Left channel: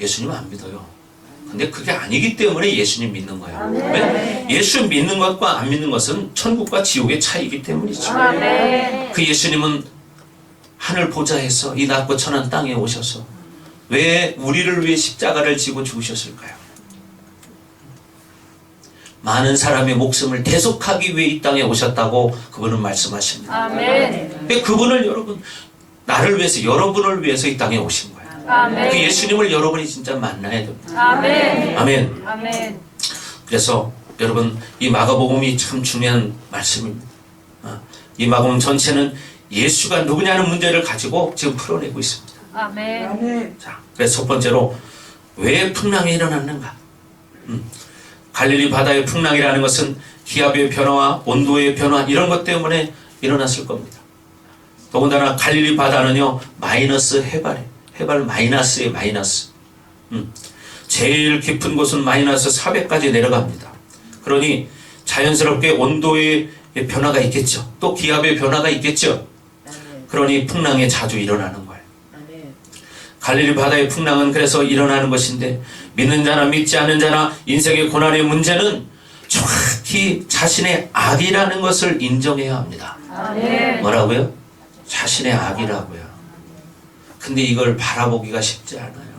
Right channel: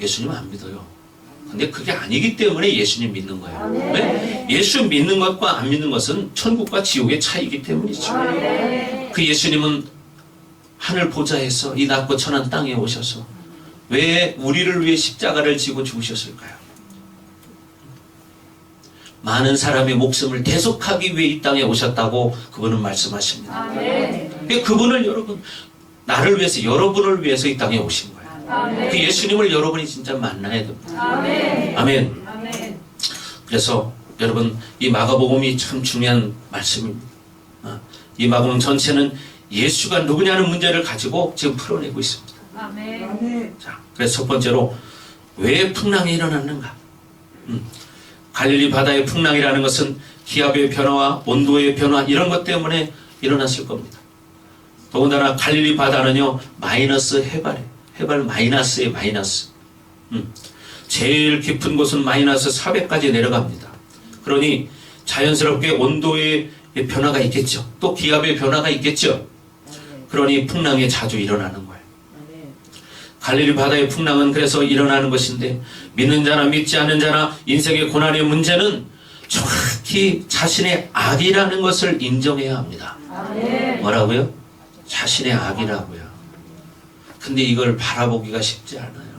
예수님 안 믿어요. 근데 그게 아니기 때문에 예수님 믿는 거예요. 왜? 예수 믿는 것과 안 믿는 것은 천국과 지옥의 차이이기 때문이죠. 그 예수님은 하늘 보좌에서 이 낮고 천한 땅에 오셔서 왜 우리를 위해 십자가를 지고 죽으셨을까요? 많은 사람의 목숨을 대속하기 위해 이 땅에 오셨다고 그분은 말씀하십니다. 그분을 여러분, 나를 위해서, 여러분을 위해서 이 땅에 오신 거예요. 그 예수님을 여러분이 진짜 만나야 됩니다. 아멘. 그래서 여러분, 이 마가복음이 참 중요한 말씀입니다. 이 마가복음 전체는 예수가 누구냐는 문제를 가지고 지금 풀어내고 있습니다. 자, 그래서 첫 번째로 왜 풍랑이 일어났는가? 갈릴리 바다의 풍랑이라는 것은 기압의 변화와 온도의 변화 이런 것 때문에 일어났을 겁니다. 더군다나 갈릴리 바다는요 마이너스 해발 마이너스에 마이너스. 제일 깊은 곳은 마이너스 400까지 내려갑니다. 그러니 자연스럽게 온도의 변화가 있겠죠. 또 기압의 변화가 있겠죠. 그러니 풍랑이 자주 일어나는 거예요. 갈릴리 바다의 풍랑은 그래서 일어나는 것인데, 믿는 자나 믿지 않는 자나 인생의 고난의 문제는 정확히 자신의 악이라는 것을 인정해야 합니다. 뭐라고요? 자신의 악이라고요. 근데 이걸 바라보기가 쉽지 않아요.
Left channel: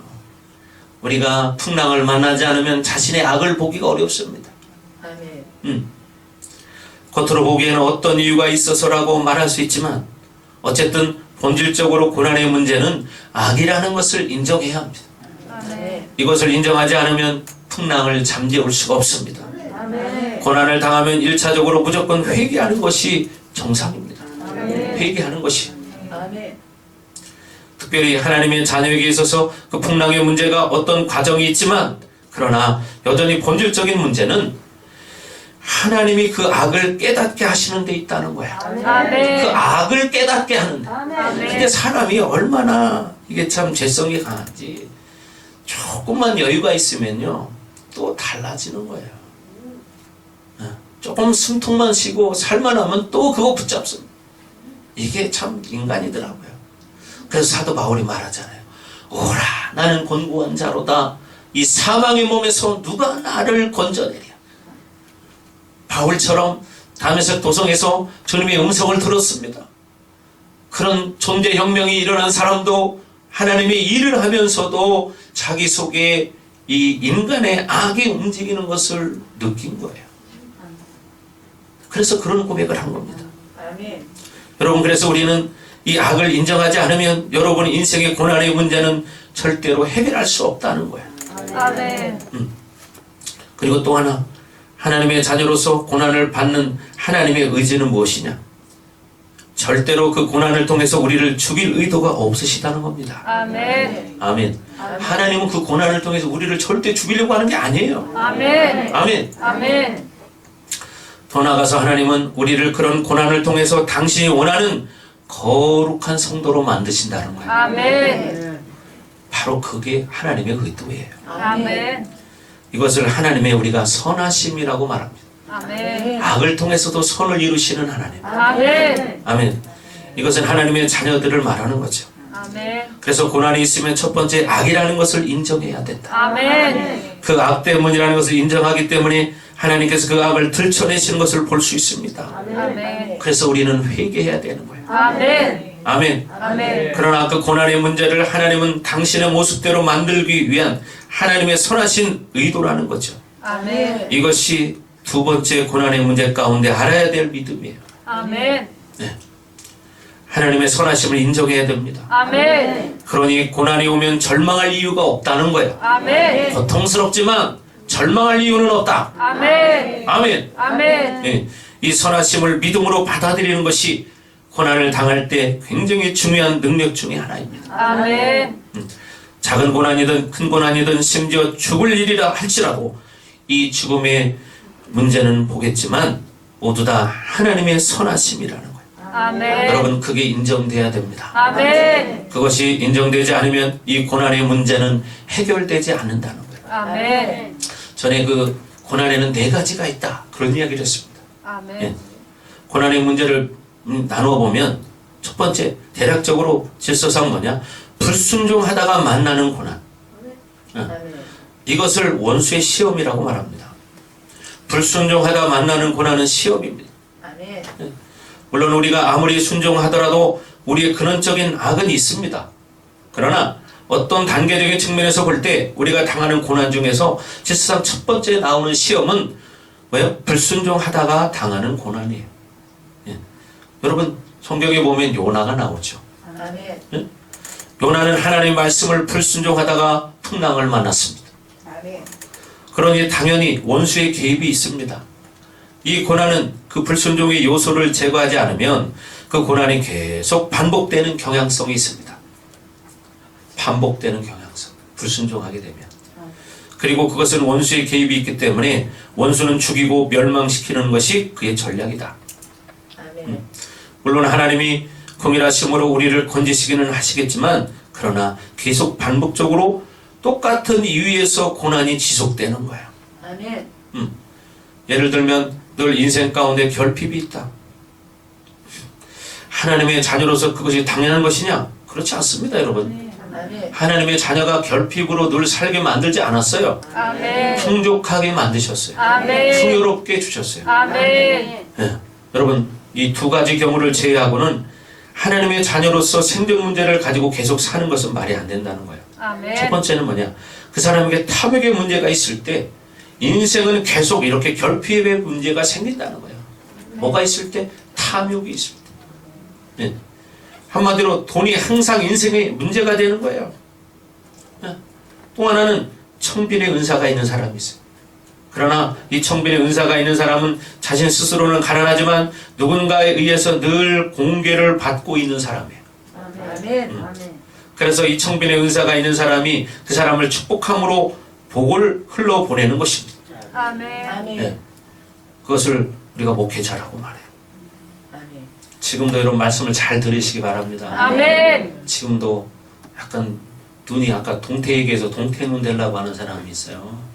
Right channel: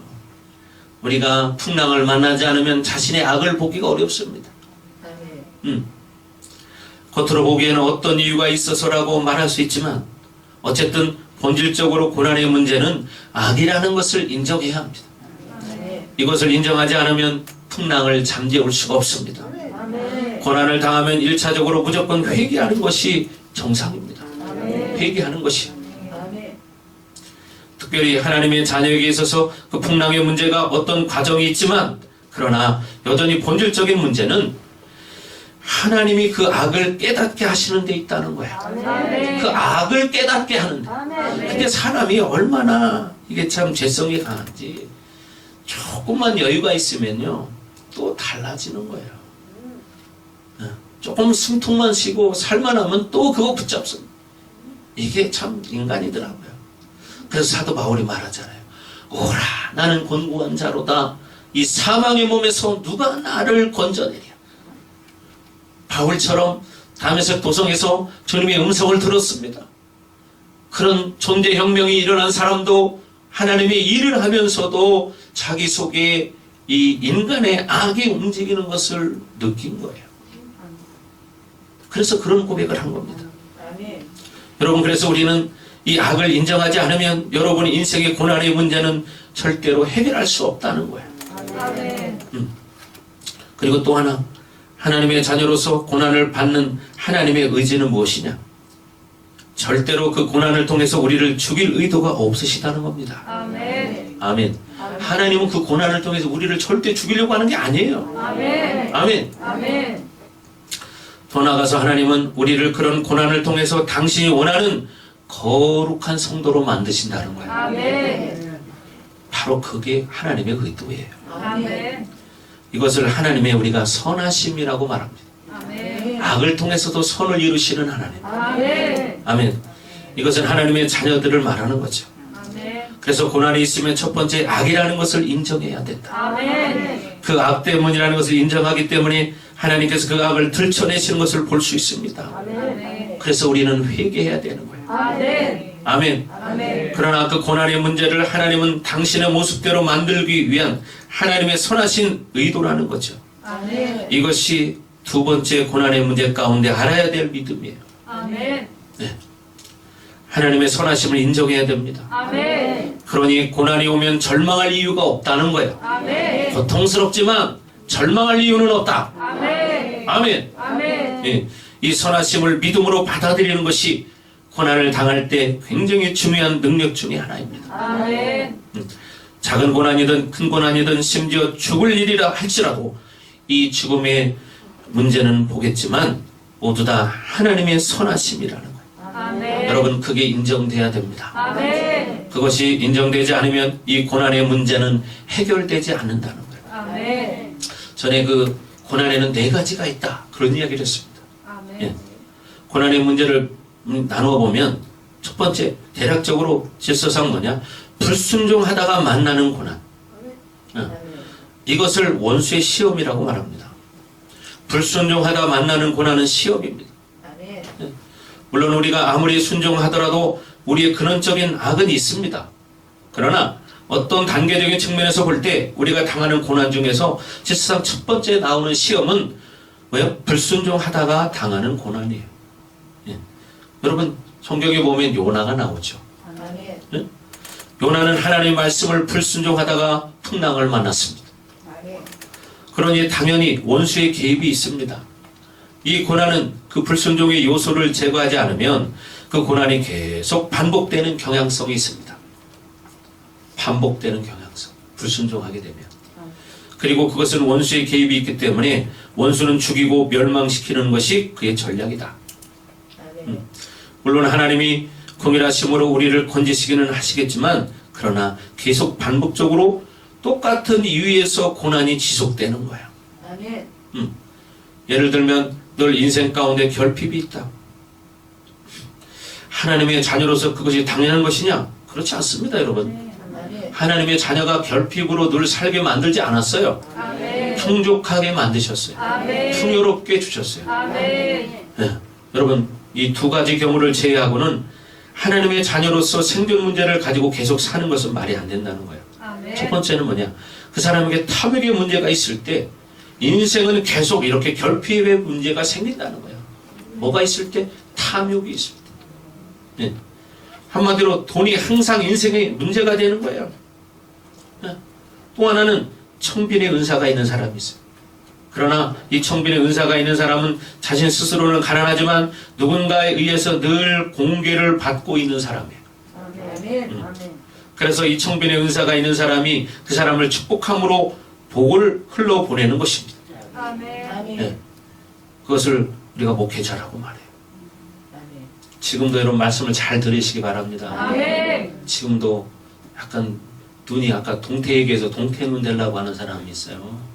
우리가 풍랑을 만나지 않으면 자신의 악을 보기가 어렵습니다. 겉으로 보기에는 어떤 이유가 있어서라고 말할 수 있지만 어쨌든 본질적으로 고난의 문제는 악이라는 것을 인정해야 합니다. 이것을 인정하지 않으면 풍랑을 잠재울 수가 없습니다. 고난을 당하면 1차적으로 무조건 회개하는 것이 정상입니다. 회개하는 것이. 특별히 하나님의 자녀에게 있어서 그 풍랑의 문제가 어떤 과정이 있지만, 그러나 여전히 본질적인 문제는 하나님이 그 악을 깨닫게 하시는 데 있다는 거야. 그 악을 깨닫게 하는데. 근데 사람이 얼마나 이게 참 죄성이 강한지, 조금만 여유가 있으면요 또 달라지는 거예요. 조금 숨통만 쉬고 살만하면 또 그거 붙잡습니다. 이게 참 인간이더라고요. 그래서 사도 바울이 말하잖아요. 오라, 나는 곤고한 자로다. 이 사망의 몸에서 누가 나를 건져내랴. 바울처럼 다메섹 도성에서 주님의 음성을 들었습니다. 그런 존재혁명이 일어난 사람도 하나님의 일을 하면서도 자기 속에 이 인간의 악이 움직이는 것을 느낀 거예요. 그래서 그런 고백을 한 겁니다. 여러분, 그래서 우리는 이 악을 인정하지 않으면 여러분의 인생의 고난의 문제는 절대로 해결할 수 없다는 거예요. 그리고 또 하나, 하나님의 자녀로서 고난을 받는 하나님의 의지는 무엇이냐? 절대로 그 고난을 통해서 우리를 죽일 의도가 없으시다는 겁니다. 아멘. 하나님은 그 고난을 통해서 우리를 절대 죽이려고 하는 게 아니에요. 아멘. 더 나아가서 하나님은 우리를 그런 고난을 통해서 당신이 원하는 거룩한 성도로 만드신다는 거예요. 바로 그게 하나님의 의도예요. 이것을 하나님의 우리가 선하심이라고 말합니다. 악을 통해서도 선을 이루시는 하나님. 아멘. 이것은 하나님의 자녀들을 말하는 거죠. 그래서 고난이 있으면 첫 번째 악이라는 것을 인정해야 된다. 그 악 때문이라는 것을 인정하기 때문에 하나님께서 그 악을 들춰내시는 것을 볼 수 있습니다. 그래서 우리는 회개해야 되는 거예요. 아멘. 그러나 그 고난의 문제를 하나님은 당신의 모습대로 만들기 위한 하나님의 선하신 의도라는 거죠. 이것이 두 번째 고난의 문제 가운데 알아야 될 믿음이에요. 네. 하나님의 선하심을 인정해야 됩니다. 그러니 고난이 오면 절망할 이유가 없다는 거예요. 고통스럽지만 절망할 이유는 없다. 아멘. 네. 이 선하심을 믿음으로 받아들이는 것이 고난을 당할 때 굉장히 중요한 능력 중에 하나입니다. 작은 고난이든 큰 고난이든 심지어 죽을 일이라 할지라도 이 죽음의 문제는 보겠지만 모두 다 하나님의 선하심이라는 거예요. 여러분, 그게 인정돼야 됩니다. 그것이 인정되지 않으면 이 고난의 문제는 해결되지 않는다는 거예요. 전에 그 고난에는 4가지가 있다, 그런 이야기를 했습니다. 예. 고난의 문제를 나누어 보면 첫 번째, 대략적으로 질서상 뭐냐, 불순종하다가 만나는 고난. 이것을 원수의 시험이라고 말합니다. 불순종하다 만나는 고난은 시험입니다. 물론 우리가 아무리 순종하더라도 우리의 근원적인 악은 있습니다. 그러나 어떤 단계적인 측면에서 볼 때 우리가 당하는 고난 중에서 실상 첫 번째 나오는 시험은 뭐예요? 불순종하다가 당하는 고난이에요. 예. 여러분 성경에 보면 요나가 나오죠. 예? 요나는 하나님의 말씀을 불순종하다가 풍랑을 만났습니다. 그러니 당연히 원수의 개입이 있습니다. 이 고난은 그 불순종의 요소를 제거하지 않으면 그 고난이 계속 반복되는 경향성이 있습니다. 반복되는 경향성. 불순종하게 되면. 그리고 그것은 원수의 개입이 있기 때문에 원수는 죽이고 멸망시키는 것이 그의 전략이다. 물론 하나님이 긍휼하심으로 우리를 건지시기는 하시겠지만 그러나 계속 반복적으로 똑같은 이유에서 고난이 지속되는 거야. 예를 들면 늘 인생 가운데 결핍이 있다. 하나님의 자녀로서 그것이 당연한 것이냐? 그렇지 않습니다, 여러분. 하나님의 자녀가 결핍으로 늘 살게 만들지 않았어요. 풍족하게 만드셨어요. 풍요롭게 주셨어요. 네. 여러분 이 두 가지 경우를 제외하고는 하나님의 자녀로서 생존 문제를 가지고 계속 사는 것은 말이 안 된다는 거예요. 첫 번째는 뭐냐? 그 사람에게 탐욕의 문제가 있을 때 인생은 계속 이렇게 결핍의 문제가 생긴다는 거예요. 뭐가 있을 때? 탐욕이 있을 때. 네. 한마디로 돈이 항상 인생의 문제가 되는 거예요. 네. 또 하나는 청빈의 은사가 있는 사람이 있어요. 그러나 이 청빈의 은사가 있는 사람은 자신 스스로는 가난하지만 누군가에 의해서 늘 공개를 받고 있는 사람이에요. 그래서 이 청빈의 은사가 있는 사람이 그 사람을 축복함으로 복을 흘러보내는 것입니다. 네. 그것을 우리가 목회자라고 말해요. 지금도 이런 말씀을 잘 들으시기 바랍니다. 지금도 약간 눈이 아까 동태에게서 동태눈 되려고 하는 사람이 있어요.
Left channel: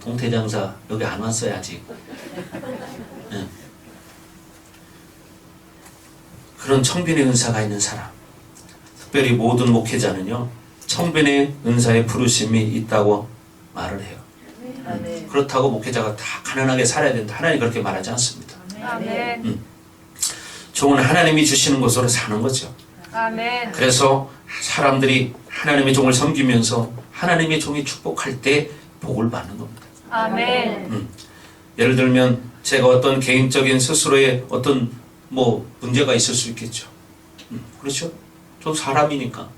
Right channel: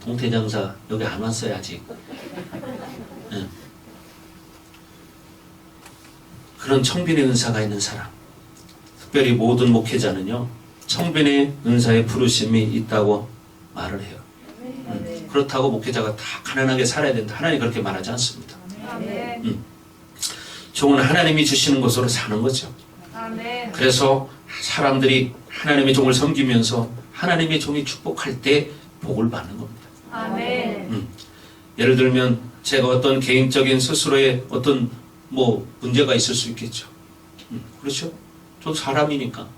동태장사 여기 안 왔어요 아직. 네. 그런 청빈의 은사가 있는 사람, 특별히 모든 목회자는요 청빈의 은사의 부르심이 있다고 말을 해요. 그렇다고 목회자가 다 가난하게 살아야 된다, 하나님 그렇게 말하지 않습니다. 종은 하나님이 주시는 것으로 사는 거죠. 그래서 사람들이 하나님의 종을 섬기면서 하나님의 종이 축복할 때 복을 받는 겁니다. 예를 들면 제가 어떤 개인적인 스스로의 어떤 문제가 있을 수 있겠죠. 그렇죠? 전 사람이니까.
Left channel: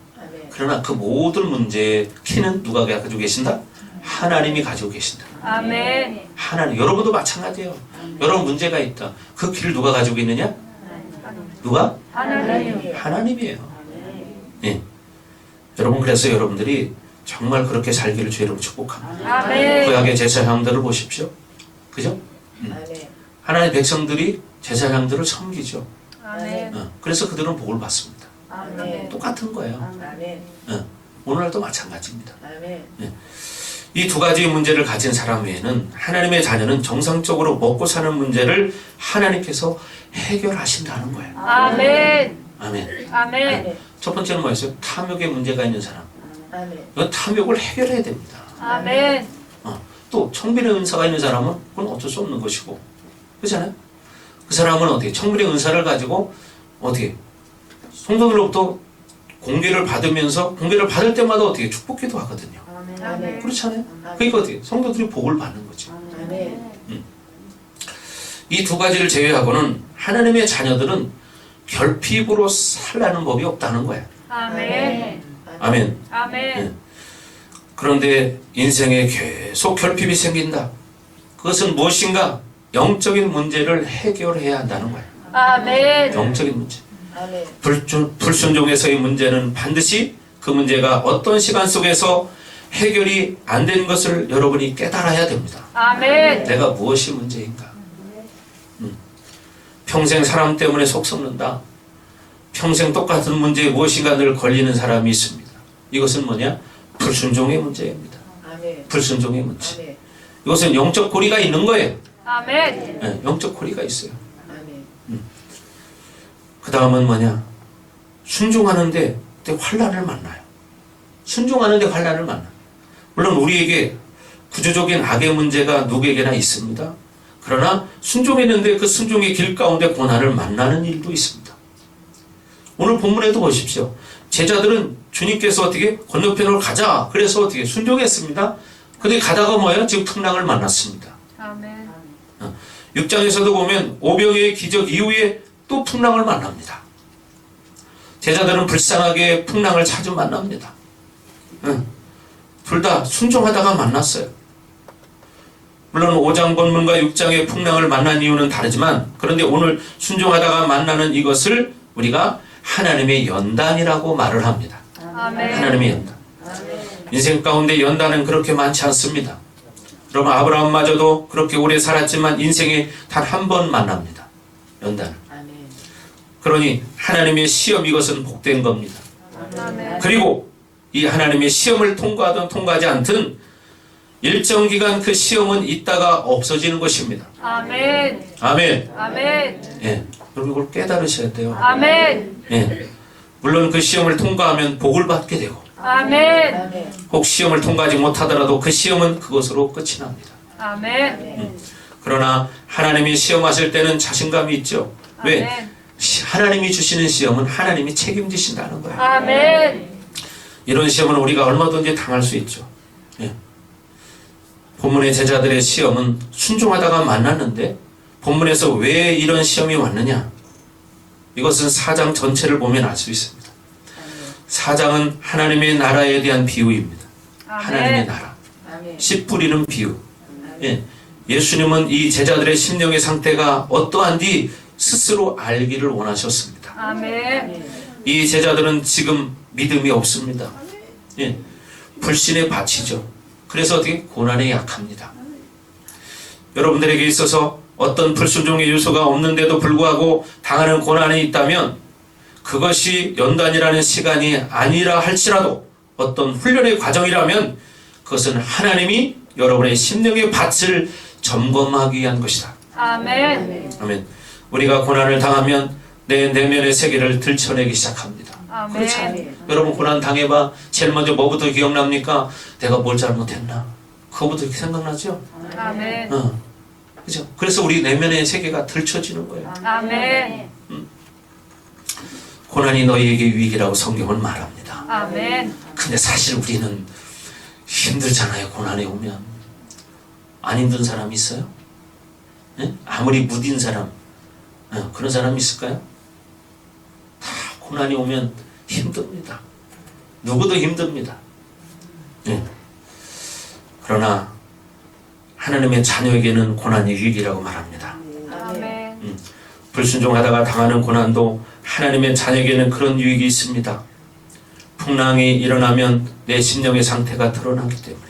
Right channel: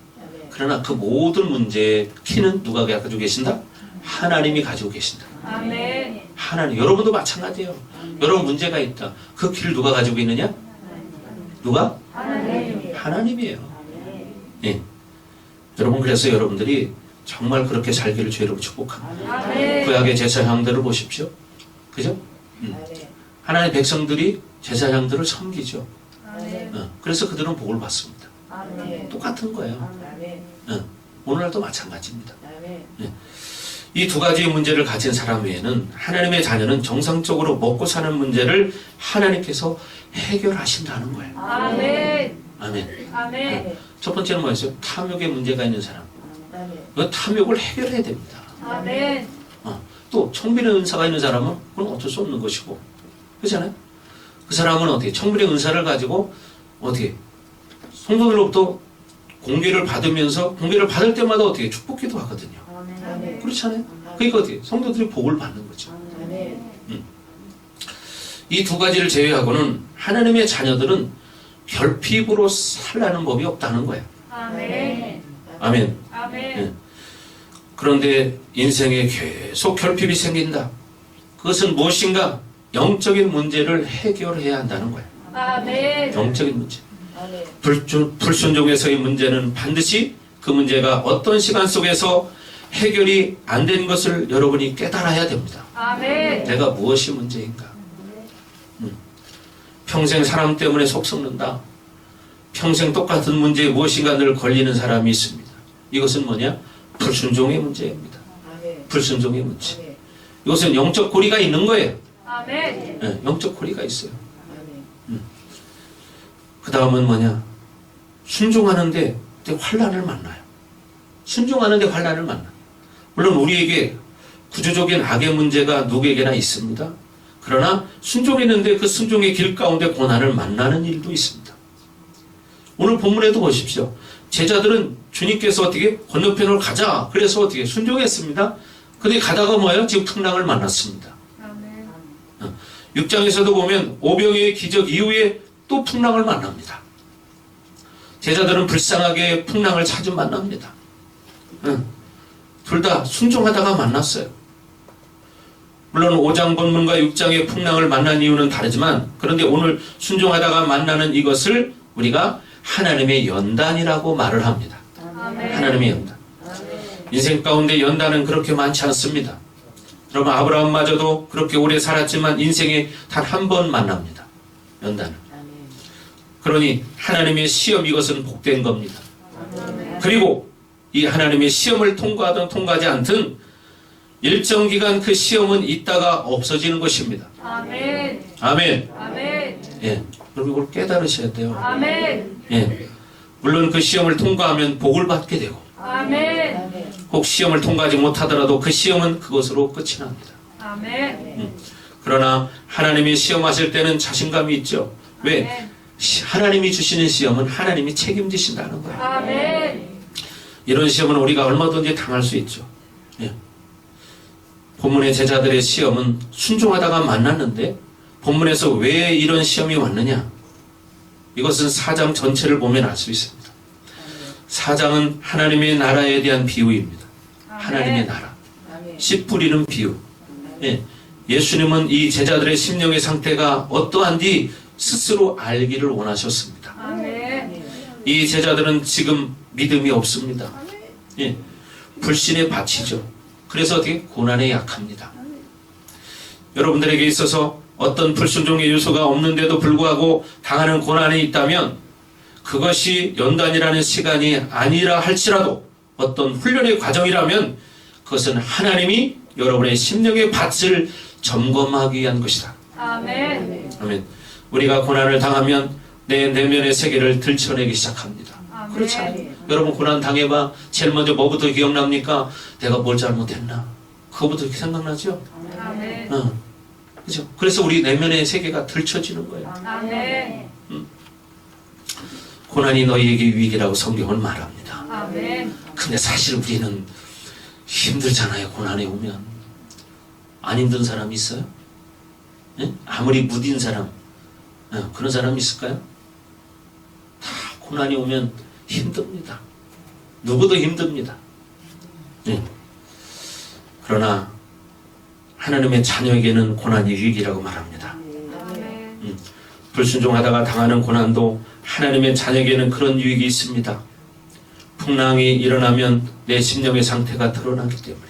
그러나 그 모든 문제의 키는 누가 가지고 계신다? 하나님이 가지고 계신다. 하나님. 여러분도 마찬가지예요. 여러분 문제가 있다. 그 키를 누가 가지고 있느냐? 누가? 하나님이에요. 예. 여러분 그래서 여러분들이 정말 그렇게 살기를 주 여러분 축복합니다. 구약의 제사장들을 보십시오. 그죠? 하나님의 백성들이 제사장들을 섬기죠. 그래서 그들은 복을 받습니다. 똑같은 거예요. 오늘날도 마찬가지입니다. 이 두 가지의 문제를 가진 사람 외에는 하나님의 자녀는 정상적으로 먹고 사는 문제를 하나님께서 해결하신다는 거예요. 아멘. 첫 번째는 뭐였어요? 탐욕의 문제가 있는 사람. 이 탐욕을 해결해야 됩니다. 또 청빈의 은사가 있는 사람은 그건 어쩔 수 없는 것이고, 그렇잖아요? 그 사람은 어떻게 청빈의 은사를 가지고 어떻게 성도들로부터 공개를 받으면서 공개를 받을 때마다 어떻게 축복기도 하거든요. 그렇잖아요? 그러니까 어떻게 성도들이 복을 받는 거죠. 이 두 가지를 제외하고는 하나님의 자녀들은 결핍으로 살라는 법이 없다는 거예요. 아멘. 네. 그런데 인생에 계속 결핍이 생긴다. 그것은 무엇인가? 영적인 문제를 해결해야 한다는 거예요. 영적인 문제. 불순종에서의 문제는 반드시 그 문제가 어떤 시간 속에서 해결이 안 된 것을 여러분이 깨달아야 됩니다. 내가 무엇이 문제인가? 평생 사람 때문에 속 썩는다. 평생 똑같은 문제에 무엇인가 늘 걸리는 사람이 있습니다. 이것은 뭐냐? 불순종의 문제입니다. 불순종의 문제. 이것은 영적 고리가 있는 거예요. 네, 영적 고리가 있어요. 그 다음은 뭐냐? 순종하는데 환란을 만나요. 순종하는데 환란을 만나. 물론 우리에게 구조적인 악의 문제가 누구에게나 있습니다. 그러나 순종했는데 그 순종의 길 가운데 고난을 만나는 일도 있습니다. 오늘 본문에도 보십시오. 제자들은 주님께서 어떻게 건너편으로 가자 그래서 어떻게 순종했습니다. 근데 가다가 뭐예요? 지금 풍랑을 만났습니다. 아멘. 6장에서도 보면 오병이의 기적 이후에 또 풍랑을 만납니다. 제자들은 불쌍하게 풍랑을 자주 만납니다. 둘 다 순종하다가 만났어요. 물론 5장 본문과 6장의 풍랑을 만난 이유는 다르지만 그런데 오늘 순종하다가 만나는 이것을 우리가 하나님의 연단이라고 말을 합니다. 아멘. 하나님의 연단. 인생 가운데 연단은 그렇게 많지 않습니다. 여러분 아브라함마저도 그렇게 오래 살았지만 인생에 단 한 번 만납니다. 연단을. 그러니 하나님의 시험 이것은 복된 겁니다. 그리고 이 하나님의 시험을 통과하든 통과하지 않든 일정 기간 그 시험은 있다가 없어지는 것입니다. 아멘. 아멘. 아멘. 예, 여러분 이걸 깨달으셔야 돼요. 아멘. 예, 물론 그 시험을 통과하면 복을 받게 되고 아멘. 혹 시험을 통과하지 못하더라도 그 시험은 그것으로 끝이 납니다. 아멘. 그러나 하나님이 시험하실 때는 자신감이 있죠. 왜? 아멘. 하나님이 주시는 시험은 하나님이 책임지신다는 거예요. 아멘. 이런 시험은 우리가 얼마든지 당할 수 있죠. 예. 본문의 제자들의 시험은 순종하다가 만났는데 본문에서 왜 이런 시험이 왔느냐? 이것은 4장 전체를 보면 알 수 있습니다. 4장은 하나님의 나라에 대한 비유입니다. 하나님의 나라. 씨 뿌리는 비유. 예. 예수님은 이 제자들의 심령의 상태가 어떠한지 스스로 알기를 원하셨습니다. 아멘. 이 제자들은 지금 믿음이 없습니다. 예. 불신의 밭이죠. 그래서 어떻게 고난에 약합니다. 여러분들에게 있어서 어떤 불순종의 요소가 없는데도 불구하고 당하는 고난이 있다면 그것이 연단이라는 시간이 아니라 할지라도 어떤 훈련의 과정이라면 그것은 하나님이 여러분의 심령의 밭을 점검하기 위한 것이다. 아멘. 아멘. 우리가 고난을 당하면 내 내면의 세계를 들춰내기 시작합니다. 아멘. 그렇지 않아요? 여러분 고난 당해봐. 제일 먼저 뭐부터 기억납니까? 내가 뭘 잘못했나? 그거부터 생각나죠? 아멘. 그죠? 그래서 우리 내면의 세계가 들춰지는 거예요. 아멘. 고난이 너희에게 위기라고 성경은 말합니다. 아멘. 근데 사실 우리는 힘들잖아요. 고난에 오면. 안 힘든 사람 있어요? 예? 아무리 무딘 사람 그런 사람 있을까요? 다 고난이 오면 힘듭니다. 누구도 힘듭니다. 예. 그러나 하나님의 자녀에게는 고난이 위기라고 말합니다. 아멘. 불순종하다가 당하는 고난도 하나님의 자녀에게는 그런 유익이 있습니다. 풍랑이 일어나면 내 심령의 상태가 드러나기 때문에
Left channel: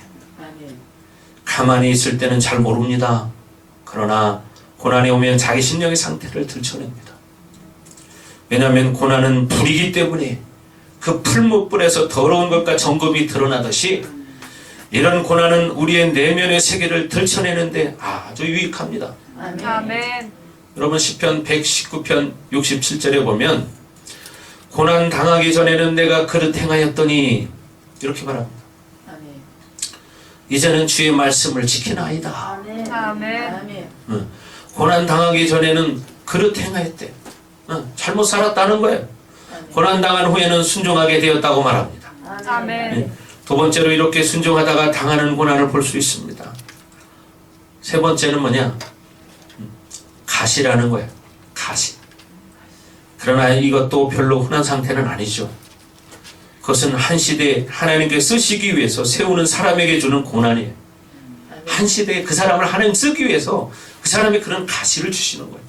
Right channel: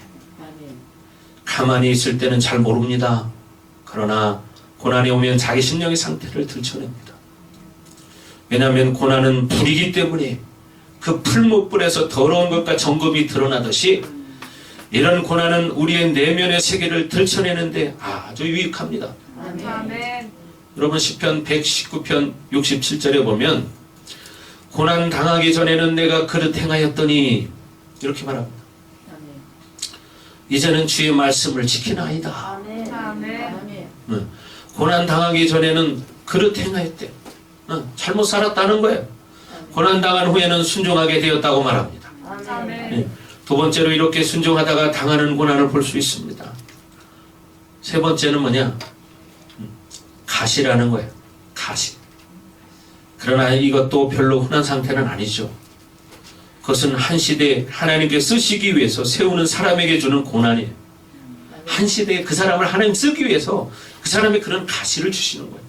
가만히 있을 때는 잘 모릅니다. 그러나 고난이 오면 자기 심령의 상태를 들춰냅니다. 왜냐하면 고난은 불이기 때문에 그 풀무불에서 더러운 것과 정금이 드러나듯이 이런 고난은 우리의 내면의 세계를 들춰내는데 아주 유익합니다. 아멘. 여러분 시편 119편 67절에 보면 고난 당하기 전에는 내가 그릇 행하였더니 이렇게 말합니다. 이제는 주의 말씀을 지키나이다. 아멘. 고난 당하기 전에는 그릇 행하였대. 잘못 살았다는 거예요. 고난 당한 후에는 순종하게 되었다고 말합니다. 아멘. 두 번째로 이렇게 순종하다가 당하는 고난을 볼 수 있습니다. 세 번째는 뭐냐? 가시라는 거예요. 가시. 그러나 이것도 별로 흔한 상태는 아니죠. 그것은 한 시대에 하나님께 쓰시기 위해서 세우는 사람에게 주는 고난이에요. 한 시대에 그 사람을 하나님 쓰기 위해서 그 사람이 그런 가시를 주시는 거예요.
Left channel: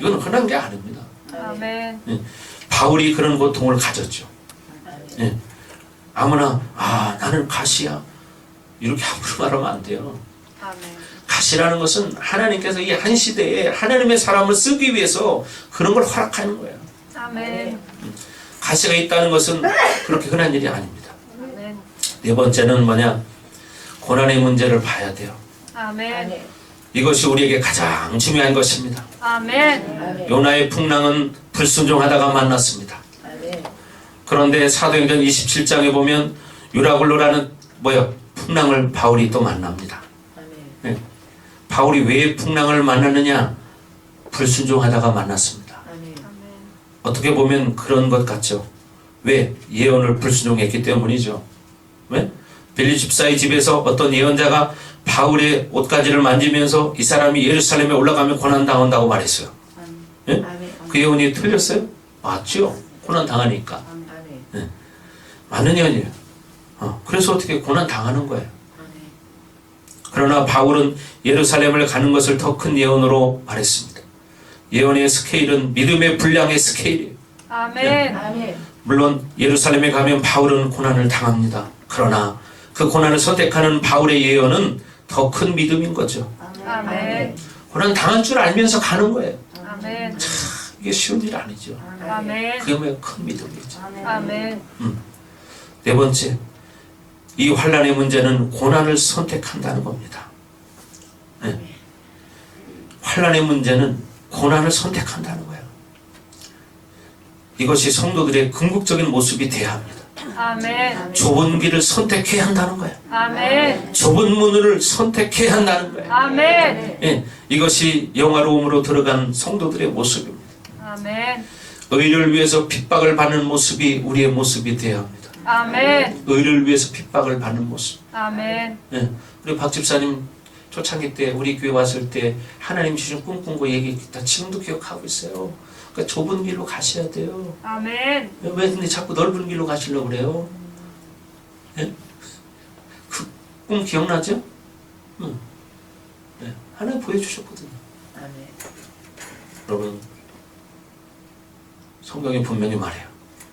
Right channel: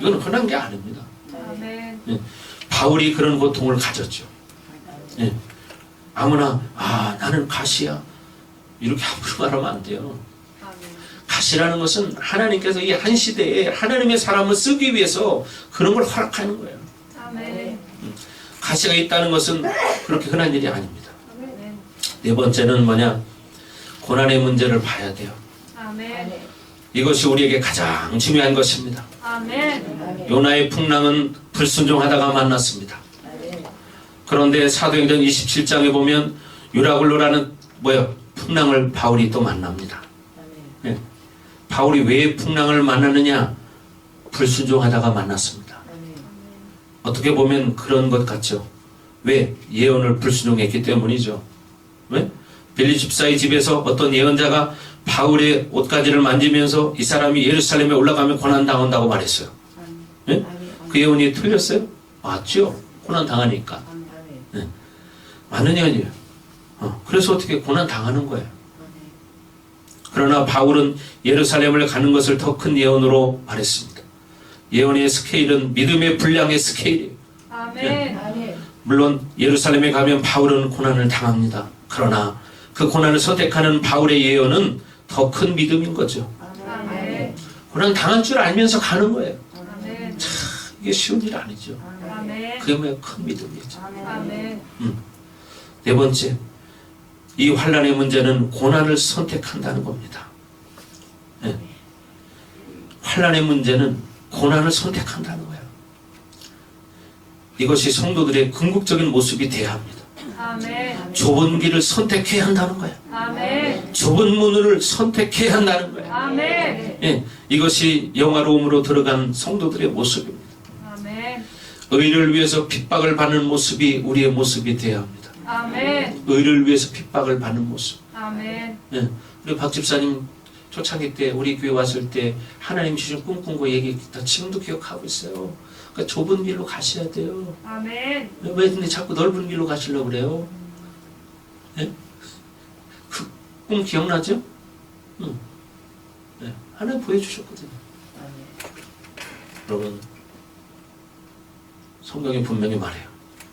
이건 흔한 게 아닙니다. 아멘. 바울이 그런 고통을 가졌죠. 예. 아무나 나는 가시야 이렇게 함부로 말하면 안 돼요. 아멘. 가시라는 것은 하나님께서 이 한 시대에 하나님의 사람을 쓰기 위해서 그런 걸 허락하는 거예요. 아멘. 가시가 있다는 것은 그렇게 흔한 일이 아닙니다. 아멘. 네 번째는 뭐냐? 고난의 문제를 봐야 돼요. 아멘. 이것이 우리에게 가장 중요한 것입니다. 아멘. 요나의 풍랑은 불순종하다가 만났습니다. 그런데 사도행전 27장에 보면 유라굴로라는 풍랑을 바울이 또 만납니다. 아멘. 네. 바울이 왜 풍랑을 만나느냐? 불순종하다가 만났습니다. 아멘. 어떻게 보면 그런 것 같죠. 왜? 예언을 불순종했기 때문이죠. 왜? 빌리 집사의 집에서 어떤 예언자가 바울의 옷가지를 만지면서 이 사람이 예루살렘에 올라가면 고난당한다고 말했어요. 아멘. 예? 아멘. 그 예언이 틀렸어요? 맞죠. 고난당하니까. 아멘. 맞는 예언이에요. 그래서 어떻게 고난당하는 거예요. 아멘. 그러나 바울은 예루살렘을 가는 것을 더 큰 예언으로 말했습니다. 예언의 스케일은 믿음의 분량의 스케일이에요. 아멘. 아멘. 물론 예루살렘에 가면 바울은 고난을 당합니다. 그러나 그 고난을 선택하는 바울의 예언은 더 큰 믿음인 거죠. 아멘. 고난 당할 줄 알면서 가는 거예요. 아멘. 이게 쉬운 일 아니죠. 아멘. 그게 왜 큰 믿음이죠. 아멘. 네 번째, 이 환난의 문제는 고난을 선택한다는 겁니다. 네. 환난의 문제는 고난을 선택한다는 거예요. 이것이 성도들의 궁극적인 모습이 되어야 합니다. 아멘. 좁은 길을 선택해야 한다는 거예요. 아멘. 좁은 문을 선택해야 한다는 거예요. 아멘. 예, 이것이 영화로움으로 들어간 성도들의 모습입니다. 아멘. 의를 위해서 핍박을 받는 모습이 우리의 모습이 되어야 합니다. 아멘. 의를 위해서 핍박을 받는 모습. 아멘. 예, 우리 박 집사님 초창기 때 우리 교회 왔을 때 하나님 주신 꿈꾼 거 얘기했다. 지금도 기억하고 있어요. 그러니까 좁은 길로 가셔야 돼요. 아멘. 왜 근데 자꾸 넓은 길로 가시려고 그래요? 예? 그 꿈 기억나죠? 응. 예, 하나님 보여주셨거든요. 아멘. 여러분, 성경이 분명히 말해요.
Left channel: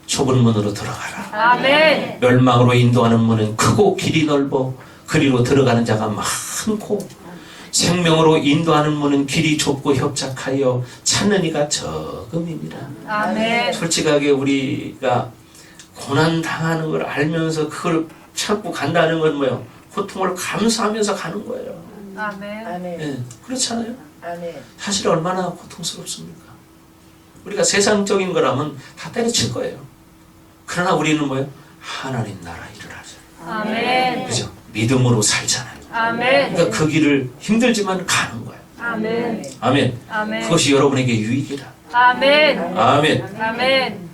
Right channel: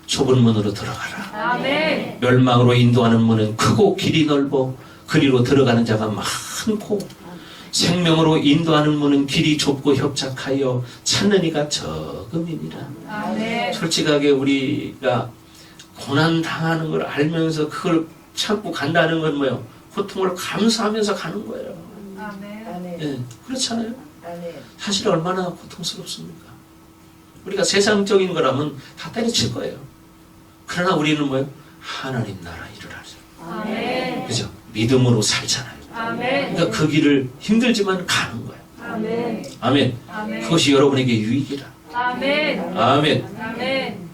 좁은 문으로 들어가라. 아멘. 멸망으로 인도하는 문은 크고 길이 넓어 그리로 들어가는 자가 많고 생명으로 인도하는 문은 길이 좁고 협착하여 찾는 이가 적음이니라. 아멘. 솔직하게 우리가 고난 당하는 걸 알면서 그걸 참고 간다는 건 뭐예요? 고통을 감수하면서 가는 거예요. 아멘. 아멘. 예, 그렇잖아요. 아멘. 사실 얼마나 고통스럽습니까? 우리가 세상적인 거라면 다 때려칠 거예요. 그러나 우리는 뭐예요? 하나님 나라 일을 하세요. 아멘. 그죠? 믿음으로 살잖아요. 아멘. 그러니까 그 길을 힘들지만 가는 거예요. 아멘. 아멘. 아멘. 그것이 여러분에게 유익이다. 아멘. 아멘. 아멘.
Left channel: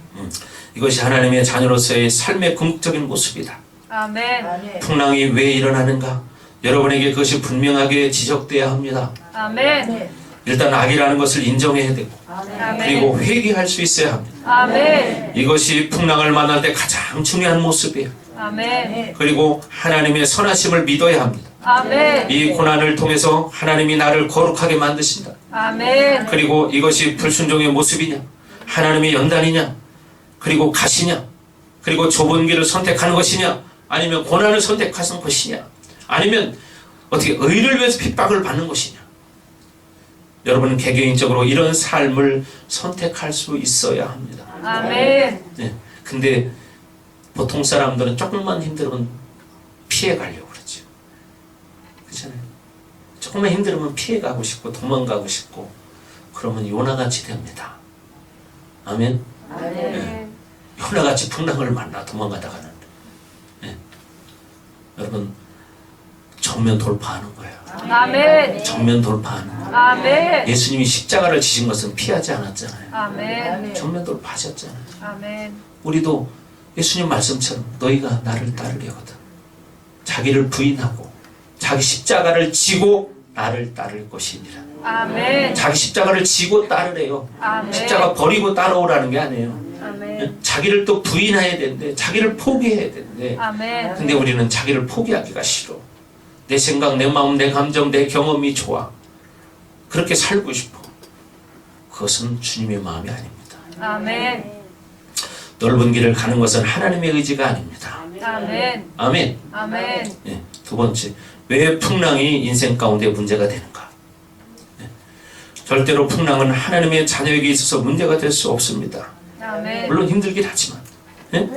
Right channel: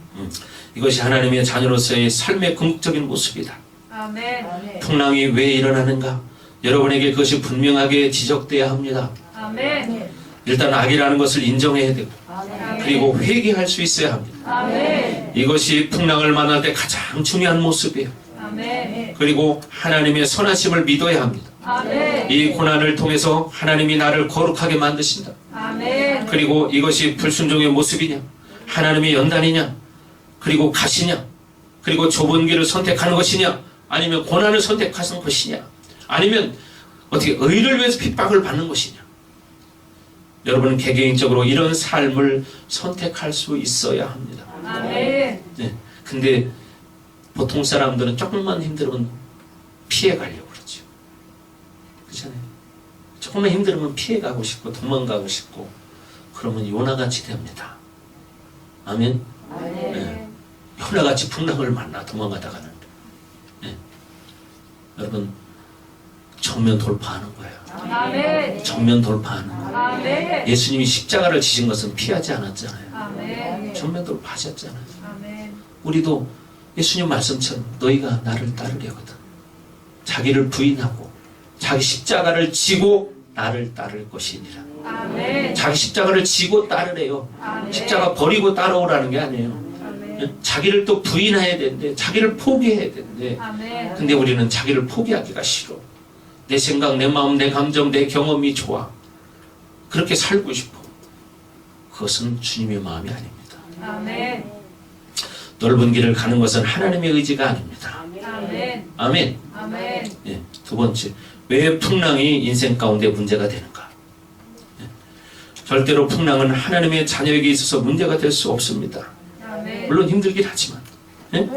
이것이 하나님의 자녀로서의 삶의 궁극적인 모습이다. 아멘. 아멘. 풍랑이 왜 일어나는가? 여러분에게 그것이 분명하게 지적돼야 합니다. 아멘. 일단 악이라는 것을 인정해야 되고 아멘. 그리고 회개할 수 있어야 합니다. 아멘. 이것이 풍랑을 만날 때 가장 중요한 모습이에요. 아멘. 그리고 하나님의 선하심을 믿어야 합니다. 아멘. 이 고난을 통해서 하나님이 나를 거룩하게 만드신다. 아멘. 그리고 이것이 불순종의 모습이냐? 하나님의 연단이냐? 그리고 가시냐? 그리고 좁은 길을 선택하는 것이냐? 아니면 고난을 선택하는 것이냐? 아니면 어떻게 의를 위해서 핍박을 받는 것이냐? 여러분은 개개인적으로 이런 삶을 선택할 수 있어야 합니다. 아멘. 네. 근데 보통 사람들은 조금만 힘들면 피해 가려고 그러죠. 그렇잖아요. 조금만 힘들면 피해 가고 싶고 도망가고 싶고 그러면 요나같이 됩니다. 아멘. 아멘. 네. 요나같이 풍랑을 만나 도망가다가는 네. 여러분 정면 돌파하는 거예요. 아멘. 정면 돌파하는 거예요. 아멘. 예수님이 십자가를 지신 것은 피하지 않았잖아요. 아멘. 정면 돌파하셨잖아요. 아멘. 우리도 예수님 말씀처럼 너희가 나를 따르려거든 자기를 부인하고 자기 십자가를 지고 나를 따를 것이니라. 아멘. 자기 십자가를 지고 따르래요. 아멘. 십자가 버리고 따라오라는 게 아니에요. 아멘. 자기를 또 부인해야 되는데 자기를 포기해야 되는데 아멘. 근데 우리는 자기를 포기하기가 싫어. 내 생각, 내 마음, 내 감정, 내 경험이 좋아. 그렇게 살고 싶어. 그것은 주님의 마음이 아닙니다. 아멘. 넓은 길을 가는 것은 하나님의 의지가 아닙니다. 아멘. 아멘. 아멘. 예, 두 번째, 왜 풍랑이 인생 가운데 문제가 되는가? 예, 절대로 풍랑은 하나님의 자녀에게 있어서 문제가 될 수 없습니다. 아멘. 물론 힘들긴 하지만 예?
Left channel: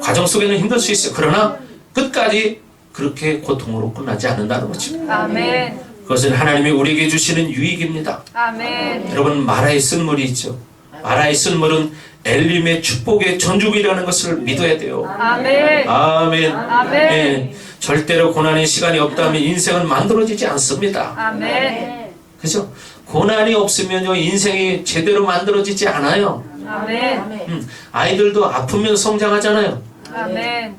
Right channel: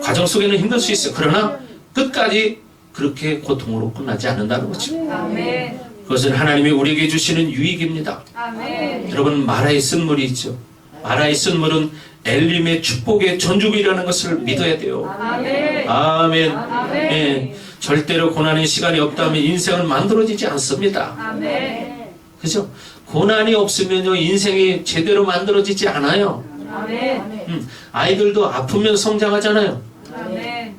과정 속에는 힘들 수 있어요. 그러나 끝까지 그렇게 고통으로 끝나지 않는다는 거죠. 아멘. 그것은 하나님이 우리에게 주시는 유익입니다. 아멘. 여러분 마라의 쓴물이 있죠. 마라의 쓴물은 엘림의 축복의 전주기라는 것을 믿어야 돼요. 아멘. 아멘. 아멘. 예, 절대로 고난의 시간이 없다면 인생은 만들어지지 않습니다. 아멘. 그죠? 고난이 없으면요 인생이 제대로 만들어지지 않아요. 아멘. 아이들도 아프면 성장하잖아요. 아멘.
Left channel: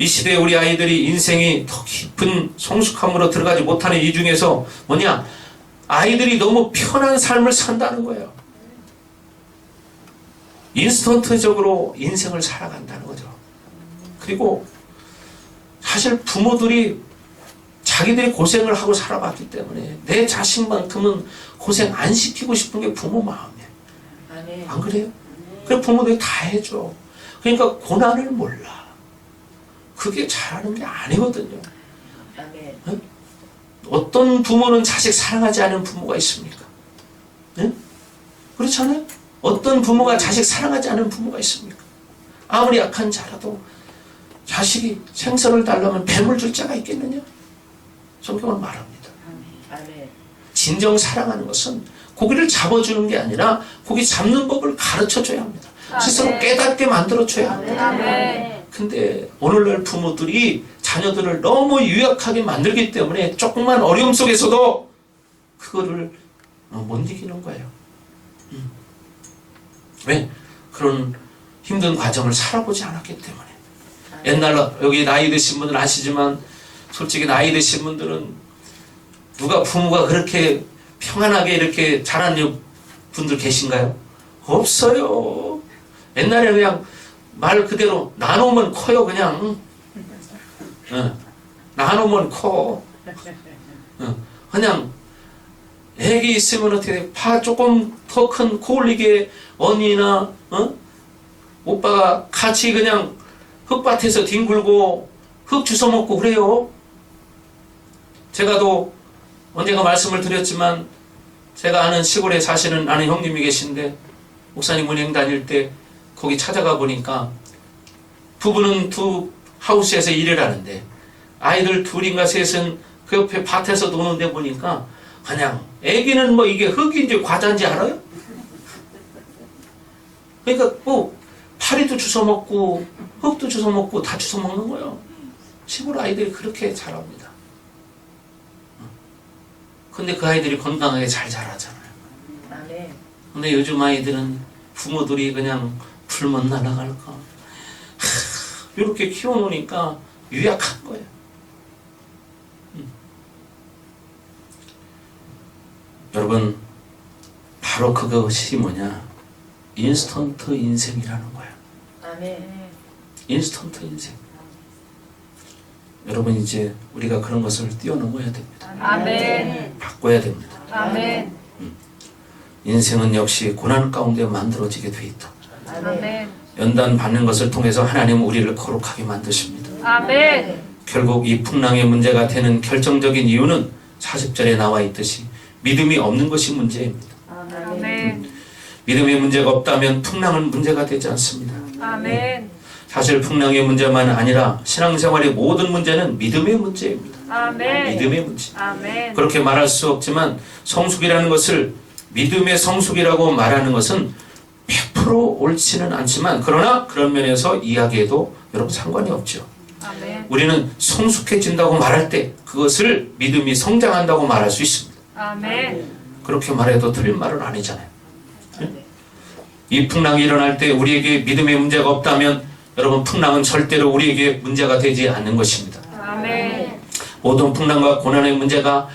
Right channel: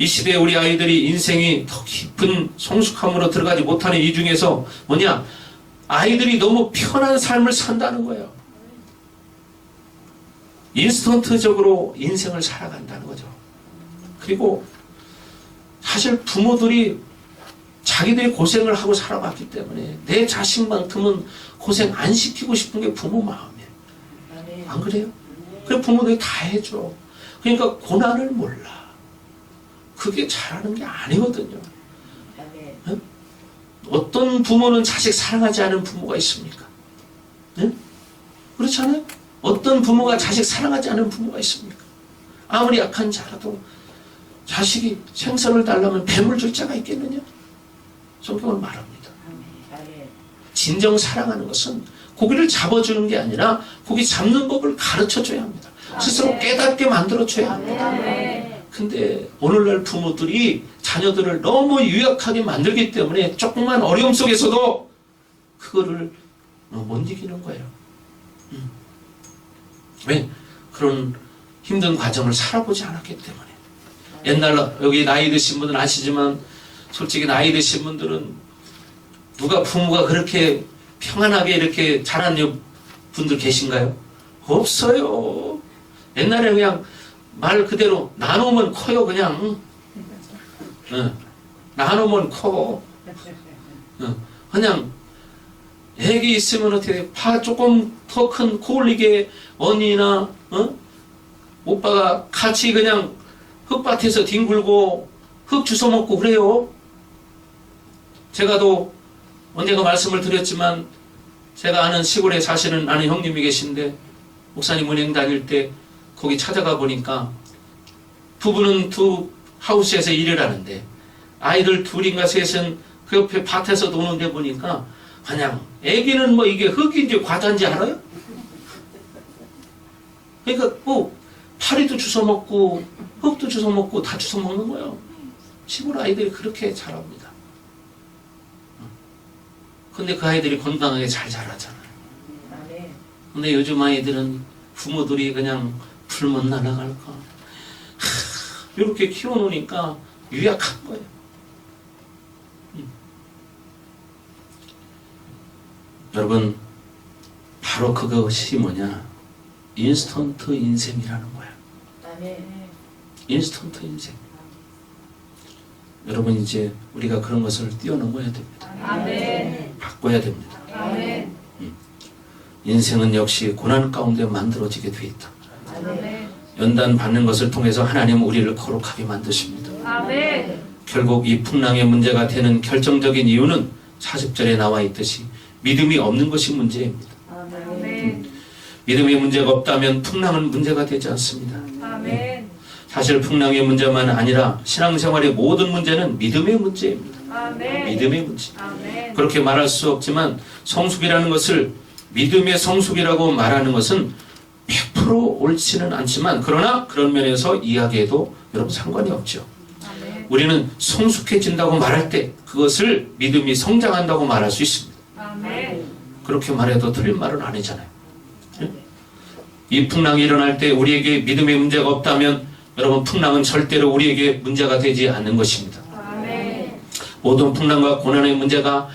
이 시대에 우리 아이들이 인생이 더 깊은 성숙함으로 들어가지 못하는 이 중에서 뭐냐? 아이들이 너무 편한 삶을 산다는 거예요. 인스턴트적으로 인생을 살아간다는 거죠. 그리고 사실 부모들이 자기들이 고생을 하고 살아봤기 때문에 내 자식만큼은 고생 안 시키고 싶은 게 부모 마음이에요. 안 그래요? 그래 부모들이 다 해줘. 그러니까 고난을 몰라. 그게 잘하는 게 아니거든요. 응? 어떤 부모는 자식 사랑하지 않은 부모가 있습니까? 네? 그렇잖아요? 어떤 부모가 자식 사랑하지 않은 부모가 있습니까? 아무리 약한 자라도 자식이 생선을 달라면 뱀을 줄 자가 있겠느냐? 성경은 말합니다. 진정 사랑하는 것은 고기를 잡아주는 게 아니라 고기 잡는 법을 가르쳐줘야 합니다. 스스로 깨닫게 만들어줘야 합니다. 아멘. 근데 오늘날 부모들이 자녀들을 너무 유약하게 만들기 때문에 조금만 어려움 속에서도 그거를 못 이기는 거예요. 왜? 그런 힘든 과정을 살아보지 않았기 때문에. 옛날 여기 나이 드신 분들은 아시지만 솔직히 나이 드신 분들은 누가 부모가 그렇게 평안하게 이렇게 자라는 분들 계신가요? 없어요. 옛날에 그냥 말 그대로 나누면 커요. 그냥 나누면 커. 그냥 애기 있으면 어떻게 파 조금 더 큰 코올리게 언니나 오빠가 같이 그냥 흙밭에서 뒹굴고 흙 주워 먹고 그래요. 제가 또 언젠가 말씀을 드렸지만 제가 아는 시골에 사시는 아는 형님이 계신데 목사님 은행 다닐 때 거기 찾아가 보니까 부부는 두 하우스에서 일을 하는데 아이들 둘인가 셋은 그 옆에 밭에서 노는데 보니까 그냥 애기는 뭐 이게 흙인지 과자인지 알아요? 그러니까 뭐 파리도 주워 먹고 흙도 주워 먹고 다 주워 먹는 거예요. 시골 아이들이 그렇게 자랍니다. 근데 그 아이들이 건강하게 잘 자라잖아요. 근데 요즘 아이들은 부모들이 그냥 풀면 날아갈까 이렇게 키워놓으니까 유약한 거예요. 여러분 바로 그것이 뭐냐? 인스턴트 인생이라는 거예요. 인스턴트 인생. 여러분 이제 우리가 그런 것을 뛰어넘어야 됩니다. 아멘. 바꿔야 됩니다. 아멘. 인생은 역시 고난 가운데 만들어지게 돼 있다. 아멘. 연단 받는 것을 통해서 하나님은 우리를 거룩하게 만드십니다. 아멘. 결국 이 풍랑의 문제가 되는 결정적인 이유는 40절에 나와 있듯이 믿음이 없는 것이 문제입니다. 아멘. 믿음의 문제가 없다면 풍랑은 문제가 되지 않습니다. 아멘. 사실 풍랑의 문제만 아니라 신앙생활의 모든 문제는 믿음의 문제입니다. 아멘. 믿음의 문제. 아멘. 그렇게 말할 수 없지만 성숙이라는 것을 믿음의 성숙이라고 말하는 것은 100% 옳지는 않지만 그러나 그런 면에서 이야기해도 여러분 상관이 없죠. 아멘. 우리는 성숙해진다고 말할 때 그것을 믿음이 성장한다고 말할 수 있습니다. 아멘. 그렇게 말해도 틀린 말은 아니잖아요. 이 풍랑이 일어날 때 우리에게 믿음의 문제가 없다면 여러분 풍랑은 절대로 우리에게 문제가 되지 않는 것입니다. 아멘. 모든 풍랑과 고난의 문제가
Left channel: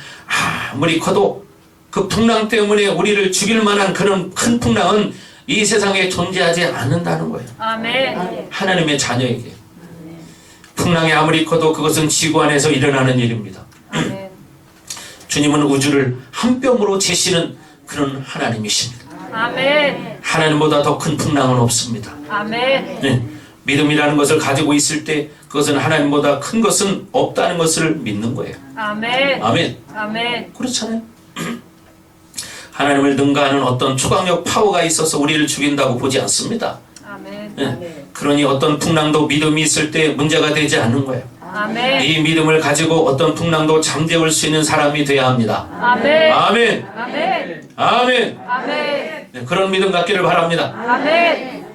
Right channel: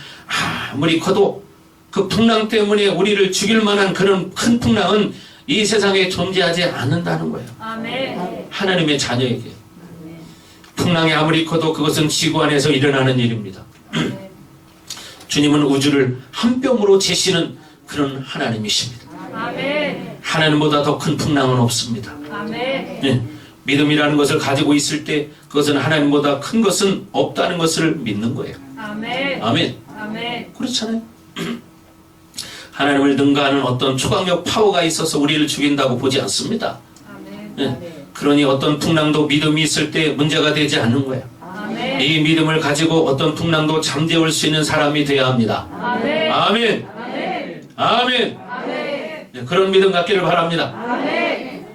아무리 커도 그 풍랑 때문에 우리를 죽일 만한 그런 큰 풍랑은 이 세상에 존재하지 않는다는 거예요. 아멘. 하나님의 자녀에게. 풍랑이 아무리 커도 그것은 지구 안에서 일어나는 일입니다. 아멘. 주님은 우주를 한 뼘으로 재시는 그런 하나님이십니다. 아멘. 하나님보다 더 큰 풍랑은 없습니다. 아멘. 네. 믿음이라는 것을 가지고 있을 때 그것은 하나님보다 큰 것은 없다는 것을 믿는 거예요. 아멘. 아멘. 아멘. 그렇잖아요. 하나님을 능가하는 어떤 초강력 파워가 있어서 우리를 죽인다고 보지 않습니다. 아멘. 네. 그러니 어떤 풍랑도 믿음이 있을 때 문제가 되지 않는 거예요. 아멘. 이 믿음을 가지고 어떤 풍랑도 잠재울 수 있는 사람이 되어야 합니다. 아멘. 아멘. 아멘. 아멘. 아멘. 네. 그런 믿음 갖기를 바랍니다. 아멘.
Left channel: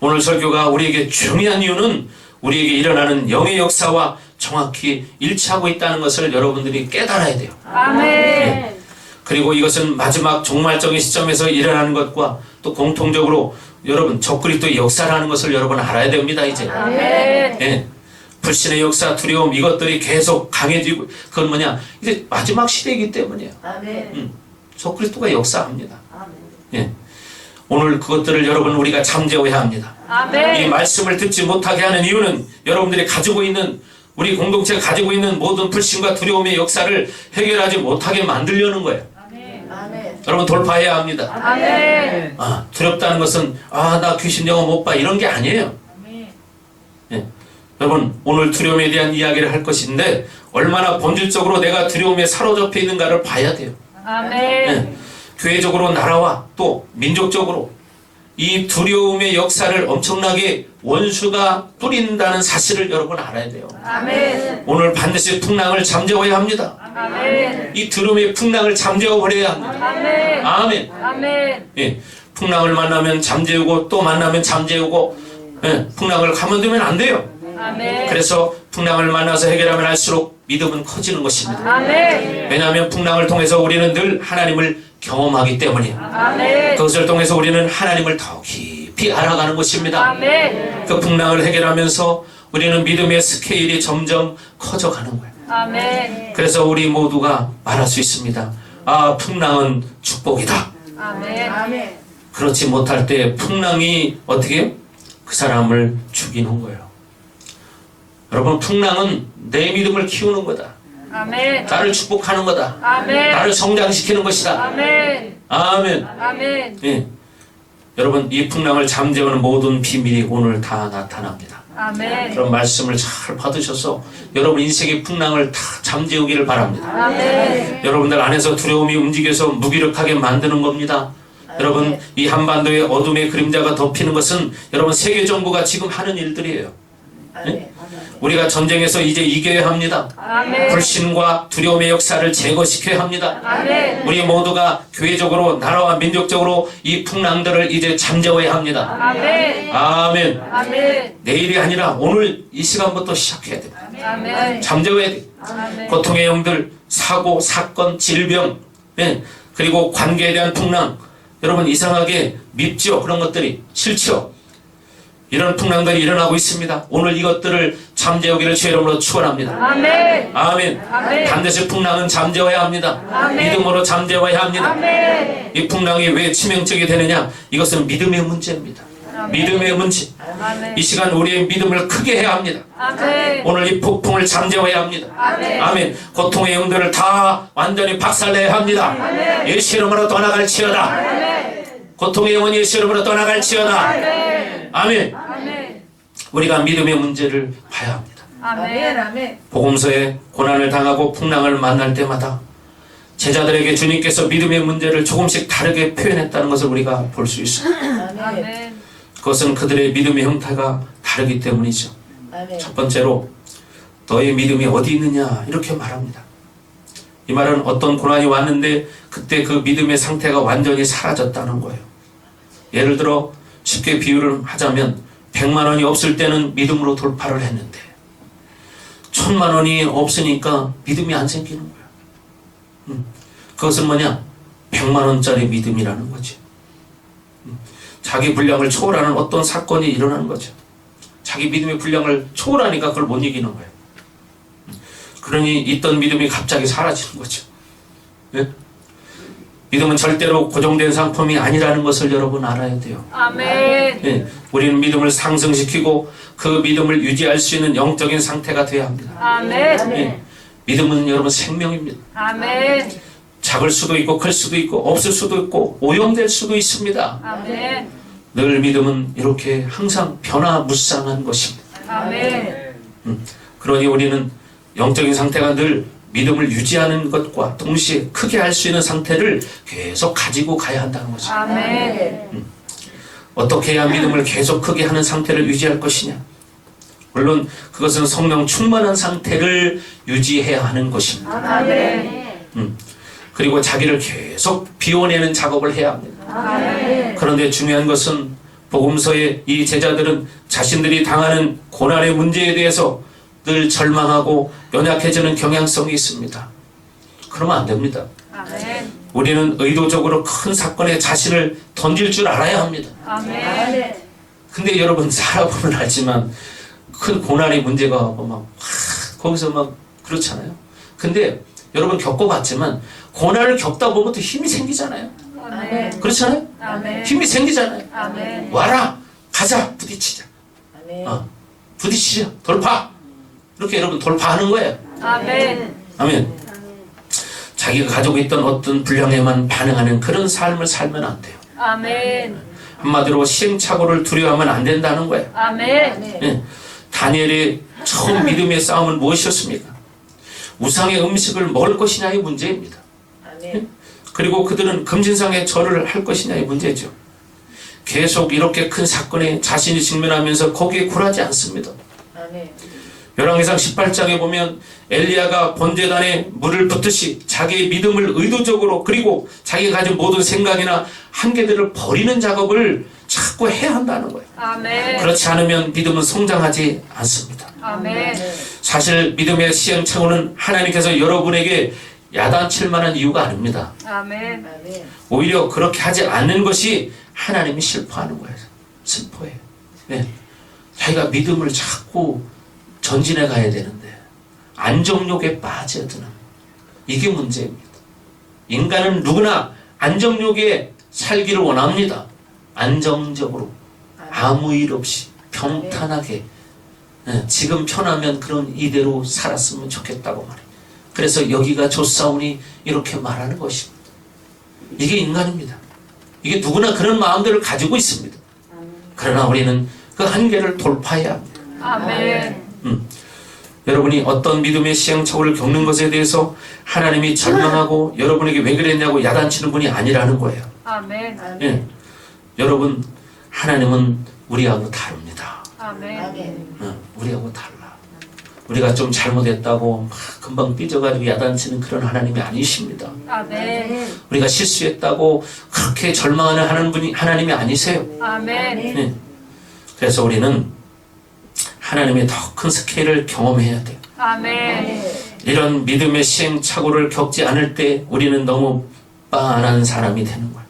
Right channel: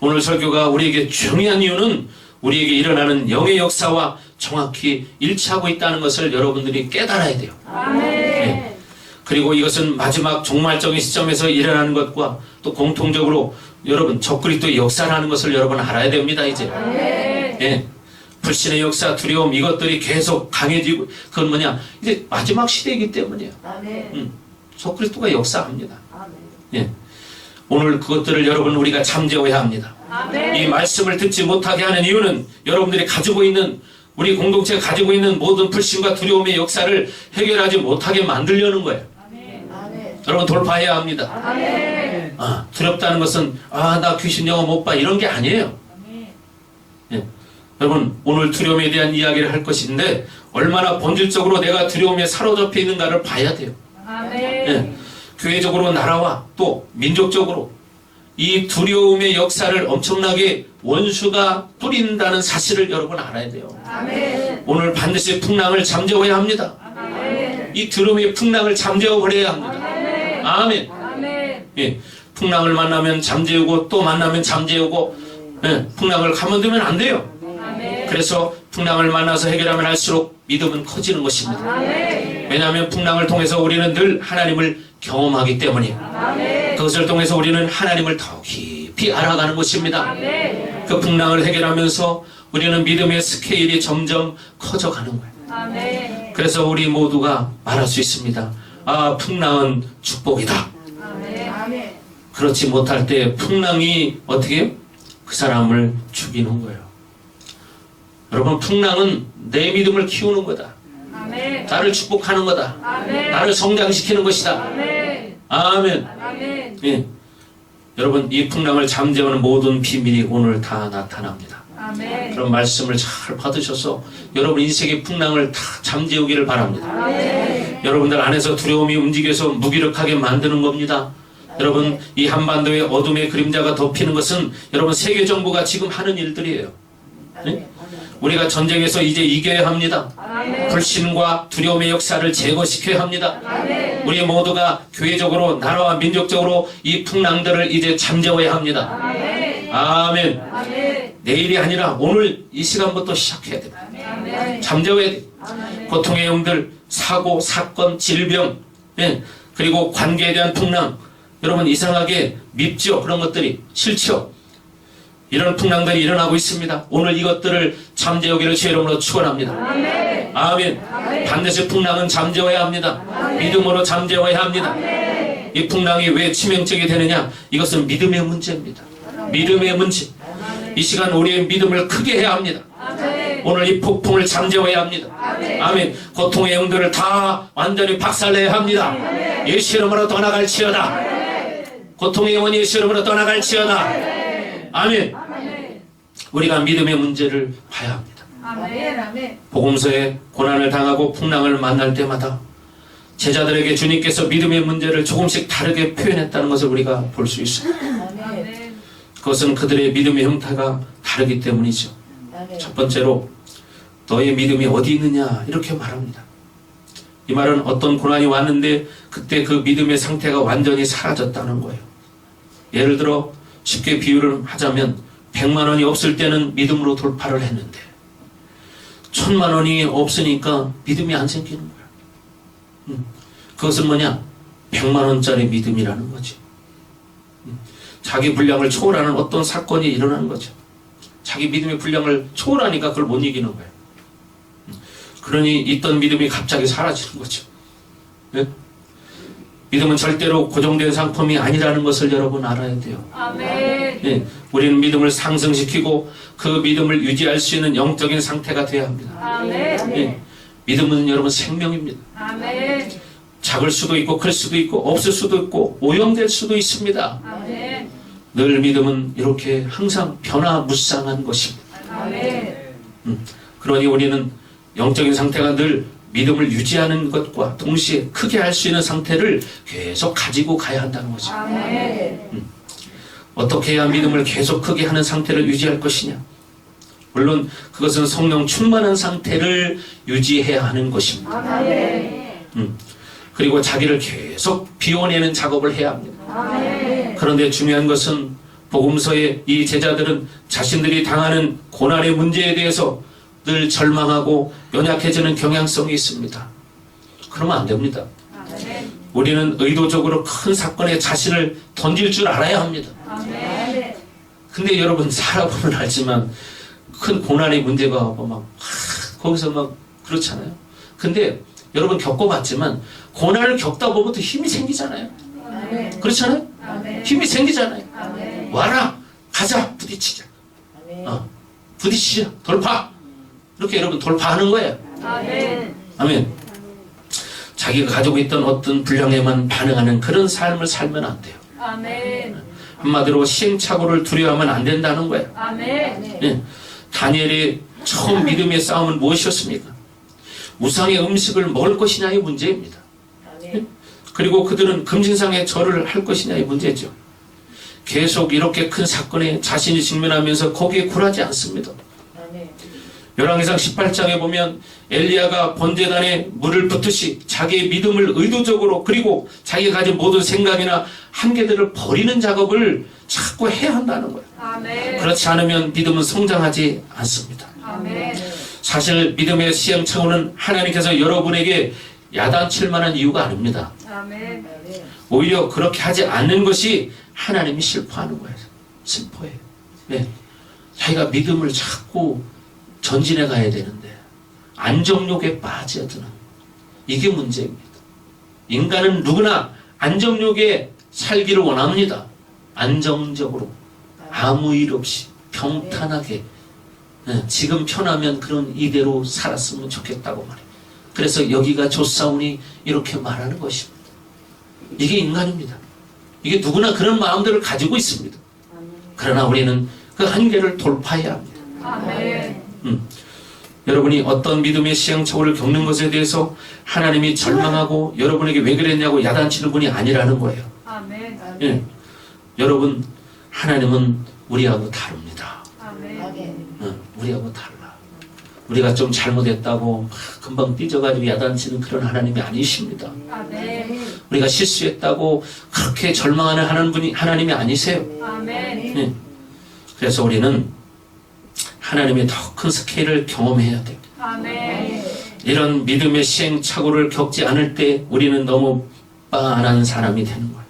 오늘 설교가 우리에게 중요한 이유는 우리에게 일어나는 영의 역사와 정확히 일치하고 있다는 것을 여러분들이 깨달아야 돼요. 아멘. 그리고 이것은 마지막 종말적인 시점에서 일어나는 것과 또 공통적으로 여러분 적그리스도의 역사라는 것을 여러분 알아야 됩니다. 이제 아멘. 불신의 역사, 두려움 이것들이 계속 강해지고 그건 뭐냐? 이제 마지막 시대이기 때문이에요. 아멘. 적그리스도가 역사합니다. 아멘. 오늘 그것들을 여러분 우리가 잠재워야 합니다. 이 아멘. 말씀을 듣지 못하게 하는 이유는 여러분들이 가지고 있는 우리 공동체가 가지고 있는 모든 불신과 두려움의 역사를 해결하지 못하게 만들려는 거예요. 아멘. 여러분 돌파해야 합니다. 아멘. 두렵다는 것은 나 귀신 영화 못 봐 이런 게 아니에요. 여러분 오늘 두려움에 대한 이야기를 할 것인데 얼마나 본질적으로 내가 두려움에 사로잡혀 있는가를 봐야 돼요. 아멘. 교회적으로 나라와 또 민족적으로 이 두려움의 역사를 엄청나게 원수가 뿌린다는 사실을 여러분 알아야 돼요. 아멘. 오늘 반드시 풍랑을 잠재워야 합니다. 아멘. 이 두려움의 풍랑을 잠재워버려야 합니다. 아멘. 아멘. 아멘. 풍랑을 만나면 잠재우고 또 만나면 잠재우고 풍랑을 가만두면 안 돼요. 아멘. 그래서 풍랑을 만나서 해결하면 할수록 믿음은 커지는 것입니다. 아멘. 왜냐하면 풍랑을 통해서 우리는 늘 하나님을 경험하기 때문이에요. 아멘. 그것을 통해서 우리는 하나님을 더 깊이 알아가는 것입니다. 아멘. 그 풍랑을 해결하면서 우리는 믿음의 스케일이 점점 커져가는 거예요. 아멘. 그래서 우리 모두가 말할 수 있습니다. 풍랑은 축복이다. 아멘. 아멘. 그렇지 못할 때 풍랑이 어떻게 해요? 그 사람을 죽이는 거예요. 여러분 풍랑은 내 믿음을 키우는 거다. 아멘. 나를 축복하는 거다. 아멘. 나를 성장시키는 것이다. 아멘. 아멘. 아멘. 여러분 이 풍랑을 잠재우는 모든 비밀이 오늘 다 나타납니다. 아멘. 그런 말씀을 잘 받으셔서 여러분 인생의 풍랑을 다 잠재우기를 바랍니다. 아멘. 여러분들 안에서 두려움이 움직여서 무기력하게 만드는 겁니다. 여러분 이 한반도의 어둠의 그림자가 덮이는 것은 여러분 세계 정부가 지금 하는 일들이에요. 아멘. 우리가 전쟁에서 이제 이겨야 합니다. 아멘. 불신과 두려움의 역사를 제거시켜야 합니다. 아멘. 우리 모두가 교회적으로 나라와 민족적으로 이 풍랑들을 이제 잠재워야 합니다. 아멘. 아멘. 아멘. 내일이 아니라 오늘 이 시간부터 시작해야 됩니다. 아멘. 잠재워야 돼. 아멘. 고통의 영들, 사고, 사건, 질병, 그리고 관계에 대한 풍랑. 여러분 이상하게 밉죠? 그런 것들이 싫죠? 이런 풍랑들이 일어나고 있습니다. 오늘 이것들을 잠재우기를 주의 이름으로 축원합니다. 아멘. 아멘. 아멘. 반드시 풍랑은 잠재워야 합니다. 아멘. 믿음으로 잠재워야 합니다. 아멘. 이 풍랑이 왜 치명적이 되느냐? 이것은 믿음의 문제입니다. 믿음의 문제. 아멘. 이 시간 우리의 믿음을 크게 해야 합니다. 아멘. 오늘 이 폭풍을 잠재워야 합니다. 아멘. 아멘. 고통의 영들을 다 완전히 박살내야 합니다. 예수 이름으로 떠나갈지어다. 고통의 영은 예수 이름으로 떠나갈지어다. 아멘. 아멘. 우리가 믿음의 문제를 봐야 합니다. 아멘. 아멘. 복음서에 고난을 당하고 풍랑을 만날 때마다 제자들에게 주님께서 믿음의 문제를 조금씩 다르게 표현했다는 것을 우리가 볼 수 있습니다. 아멘. 그것은 그들의 믿음의 형태가 다르기 때문이죠. 아멘. 첫 번째로 너의 믿음이 어디 있느냐 이렇게 말합니다. 이 말은 어떤 고난이 왔는데 그때 그 믿음의 상태가 완전히 사라졌다는 거예요. 예를 들어 쉽게 비유를 하자면 100만 원이 없을 때는 믿음으로 돌파를 했는데 1000만 원이 없으니까 믿음이 안 생기는 거야. 그것은 뭐냐? 100만 원짜리 믿음이라는 거지. 자기 분량을 초월하는 어떤 사건이 일어나는 거죠. 자기 믿음의 분량을 초월하니까 그걸 못 이기는 거예요. 그러니 있던 믿음이 갑자기 사라지는 거죠. 네? 믿음은 절대로 고정된 상품이 아니라는 것을 여러분 알아야 돼요. 아멘. 네, 우리는 믿음을 상승시키고 그 믿음을 유지할 수 있는 영적인 상태가 되어야 합니다. 아멘. 네, 믿음은 여러분 생명입니다. 아멘. 작을 수도 있고 클 수도 있고 없을 수도 있고 오염될 수도 있습니다. 아멘. 늘 믿음은 이렇게 항상 변화무쌍한 것입니다. 아멘. 그러니 우리는 영적인 상태가 늘 믿음을 유지하는 것과 동시에 크게 할 수 있는 상태를 계속 가지고 가야 한다는 거죠. 아멘. 어떻게 해야 믿음을 계속 크게 하는 상태를 유지할 것이냐? 물론 그것은 성령 충만한 상태를 유지해야 하는 것입니다. 아멘. 그리고 자기를 계속 비워내는 작업을 해야 합니다. 아멘. 그런데 중요한 것은 복음서의 이 제자들은 자신들이 당하는 고난의 문제에 대해서 늘 절망하고 연약해지는 경향성이 있습니다. 그러면 안 됩니다. 아멘. 우리는 의도적으로 큰 사건에 자신을 던질 줄 알아야 합니다. 아멘. 근데 여러분 살아보면 알지만 큰 고난의 문제가 와서 거기서 막 그렇잖아요. 근데 여러분 겪어봤지만 고난을 겪다 보면 또 힘이 생기잖아요. 아멘. 그렇잖아요. 아멘. 힘이 생기잖아요. 아멘. 와라 가자 부딪히자. 아멘. 부딪히자 돌파. 이렇게 여러분 돌파하는 거예요. 아멘. 아멘. 자기가 가지고 있던 어떤 분량에만 반응하는 그런 삶을 살면 안 돼요. 아멘. 한마디로 시행착오를 두려워하면 안 된다는 거예요. 아멘. 예. 다니엘의 처음 믿음의 싸움은 무엇이었습니까? 우상의 음식을 먹을 것이냐의 문제입니다. 아멘. 그리고 그들은 금신상에 절을 할 것이냐의 문제죠. 계속 이렇게 큰 사건에 자신이 직면하면서 거기에 굴하지 않습니다. 아멘. 열왕기상 18장에 보면 엘리야가 번제단에 물을 붓듯이 자기의 믿음을 의도적으로 그리고 자기가 가진 모든 생각이나 한계들을 버리는 작업을 자꾸 해야 한다는 거예요. 아멘. 그렇지 않으면 믿음은 성장하지 않습니다. 아멘. 사실 믿음의 시행착오는 하나님께서 여러분에게 야단칠 만한 이유가 아닙니다. 아멘. 아멘. 오히려 그렇게 하지 않는 것이 하나님이 슬퍼하는 거예요. 슬퍼해요. 왜? 자기가 믿음을 자꾸 전진해 가야 되는데 안정욕에 빠져드는 이게 문제입니다. 인간은 누구나 안정욕에 살기를 원합니다. 안정적으로 아무 일 없이 평탄하게 지금 편하면 그런 이대로 살았으면 좋겠다고 말해요. 그래서 여기가 좋사오니 이렇게 말하는 것입니다. 이게 인간입니다. 이게 누구나 그런 마음들을 가지고 있습니다. 그러나 우리는 그 한계를 돌파해야 합니다. 아멘. 여러분이 어떤 믿음의 시행착오를 겪는 것에 대해서 하나님이 절망하고 여러분에게 왜 그랬냐고 야단치는 분이 아니라는 거예요. 아멘. 예. 여러분 하나님은 우리하고 다릅니다. 아멘. 아멘. 우리하고 달라. 우리가 좀 잘못했다고 막 금방 삐져가지고 야단치는 그런 하나님이 아니십니다. 아멘. 우리가 실수했다고 그렇게 절망하는 하나님이 아니세요. 아멘. 예. 그래서 우리는 하나님의 더 큰 스케일을 경험해야 돼요. 아멘. 이런 믿음의 시행착오를 겪지 않을 때 우리는 너무 빤한 사람이 되는 거예요.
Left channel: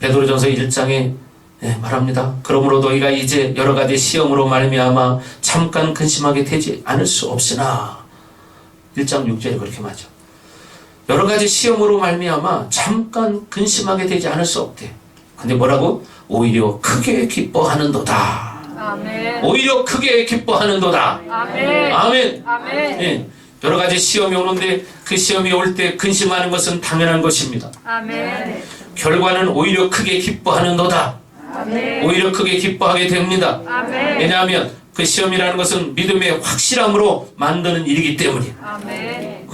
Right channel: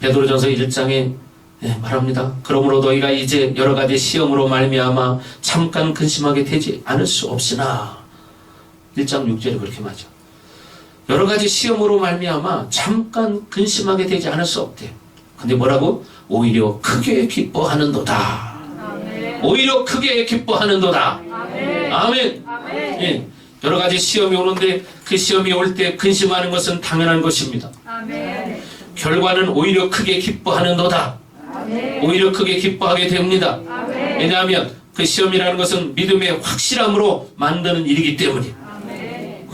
베드로전서 1장에 말합니다. 그러므로 너희가 이제 여러 가지 시험으로 말미암아 잠깐 근심하게 되지 않을 수 없으나 1장 6절에 그렇게 말하죠. 여러 가지 시험으로 말미암아 잠깐 근심하게 되지 않을 수 없대. 근데 뭐라고? 오히려 크게 기뻐하는도다. 아멘. 오히려 크게 기뻐하는도다. 아멘. 아멘. 아멘. 예. 여러 가지 시험이 오는데 그 시험이 올 때 근심하는 것은 당연한 것입니다. 아멘. 결과는 오히려 크게 기뻐하는도다. 아멘. 오히려 크게 기뻐하게 됩니다. 아멘. 왜냐하면 그 시험이라는 것은 믿음의 확실함으로 만드는 일이기 때문이에요. 아멘.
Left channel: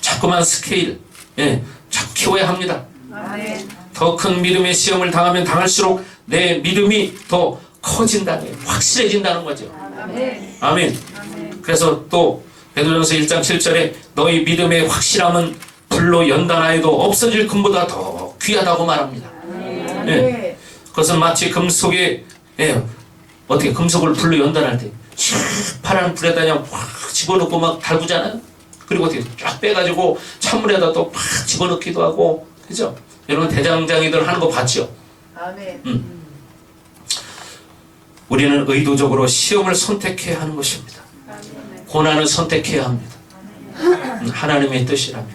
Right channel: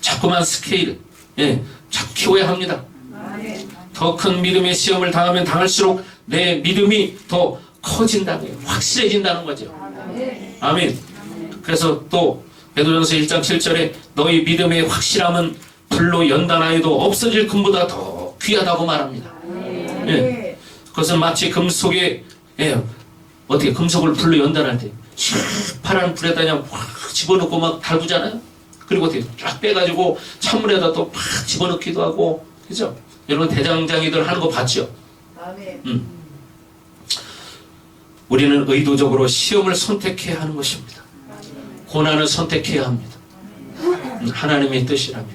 자꾸만 스케일, 자꾸 키워야 합니다. 아멘. 더 큰 믿음의 시험을 당하면 당할수록 내 믿음이 더 커진다는 거예요. 확실해진다는 거죠. 아멘. 아멘. 그래서 또 베드로전서 1장 7절에 너희 믿음의 확실함은 불로 연단하여도 없어질 금보다 더 귀하다고 말합니다. 예. 그것은 마치 금속에 어떻게 금속을 불로 연단할 때 파란 불에다 그냥 확 집어넣고 막 달구잖아요. 그리고 어떻게 쫙 빼가지고 찬물에다 또 팍 집어넣기도 하고, 그죠? 여러분 대장장이들 하는 거 봤죠? 아멘. 우리는 의도적으로 시험을 선택해야 하는 것입니다. 고난을 선택해야 합니다. 하나님의 뜻이라면.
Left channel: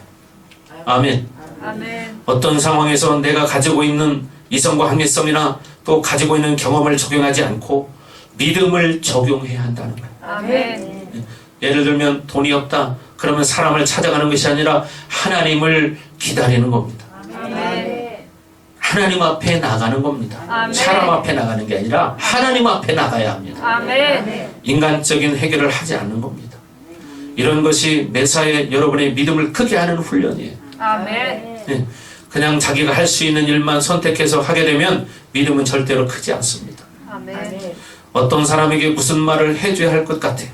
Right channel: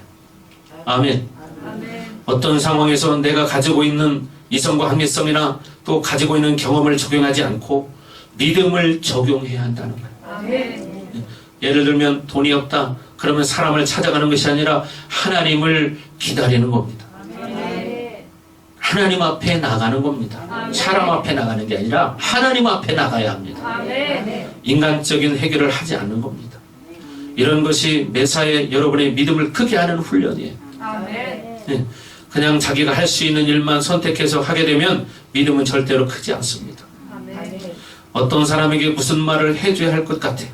아멘. 아멘. 어떤 상황에서 내가 가지고 있는 이성과 한계성이나 또 가지고 있는 경험을 적용하지 않고 믿음을 적용해야 한다는 거예요. 아멘. 예를 들면 돈이 없다. 그러면 사람을 찾아가는 것이 아니라 하나님을 기다리는 겁니다. 아멘. 하나님 앞에 나가는 겁니다. 아멘. 사람 앞에 나가는 게 아니라 하나님 앞에 나가야 합니다. 아멘. 인간적인 해결을 하지 않는 겁니다. 이런 것이 매사에 여러분의 믿음을 크게 하는 훈련이에요. 아멘. 그냥 자기가 할 수 있는 일만 선택해서 하게 되면 믿음은 절대로 크지 않습니다. 아멘. 어떤 사람에게 무슨 말을 해줘야 할 것 같아요.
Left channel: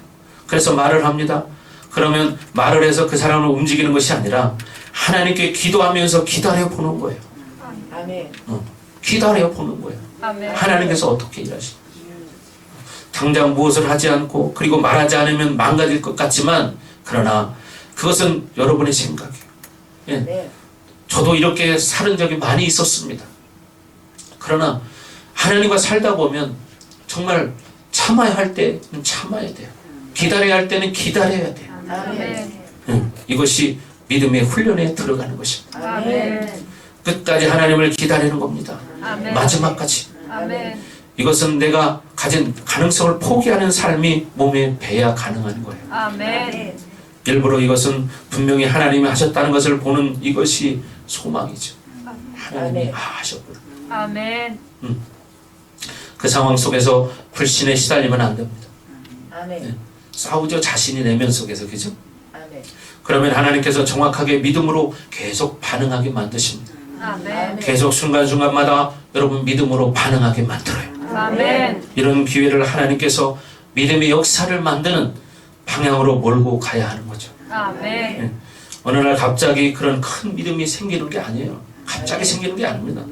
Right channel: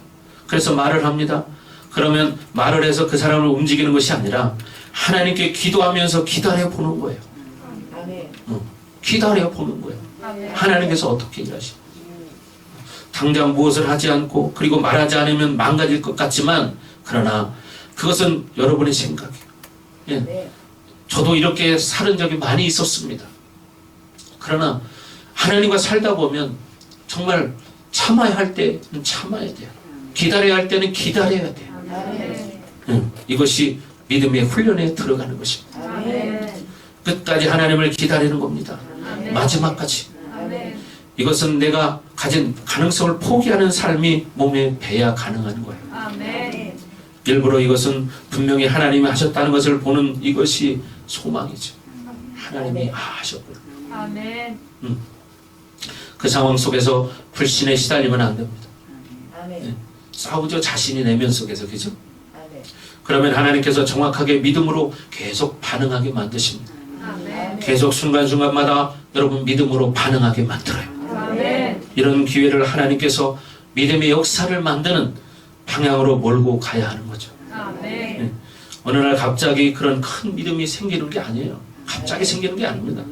그래서 말을 합니다. 그러면 말을 해서 그 사람을 움직이는 것이 아니라 하나님께 기도하면서 기다려 보는 거예요. 아멘. 기다려 보는 거예요. 아멘. 하나님께서 어떻게 일하시는지. 당장 무엇을 하지 않고 그리고 말하지 않으면 망가질 것 같지만 그러나 그것은 여러분의 생각이에요. 예. 네. 저도 이렇게 살은 적이 많이 있었습니다. 그러나 하나님과 살다 보면 정말 참아야 할 때는 참아야 돼요. 기다려야 할 때는 기다려야 돼요. 아멘. 이것이 믿음의 훈련에 들어가는 것입니다. 아멘. 끝까지 하나님을 기다리는 겁니다. 아멘. 마지막까지. 아멘. 이것은 내가 가진 가능성을 포기하는 삶이 몸에 배야 가능한 거예요. 아멘. 일부러 이것은 분명히 하나님이 하셨다는 것을 보는 이것이 소망이죠. 하나님이 하셨구나. 아멘. 그 상황 속에서 불신에 시달리면 안 됩니다. 아멘. 싸우죠. 자신이 내면 속에서. 그죠? 아멘. 그러면 하나님께서 정확하게 믿음으로 계속 반응하게 만드십니다. 아멘. 계속 순간순간마다 여러분 믿음으로 반응하게 만들어요. 아멘. 이런 기회를 하나님께서 믿음의 역사를 만드는 방향으로 몰고 가야 하는 거죠. 아멘. 어느 날 갑자기 그런 큰 믿음이 생기는 게 아니에요. 갑자기 생기는 게 아닙니다.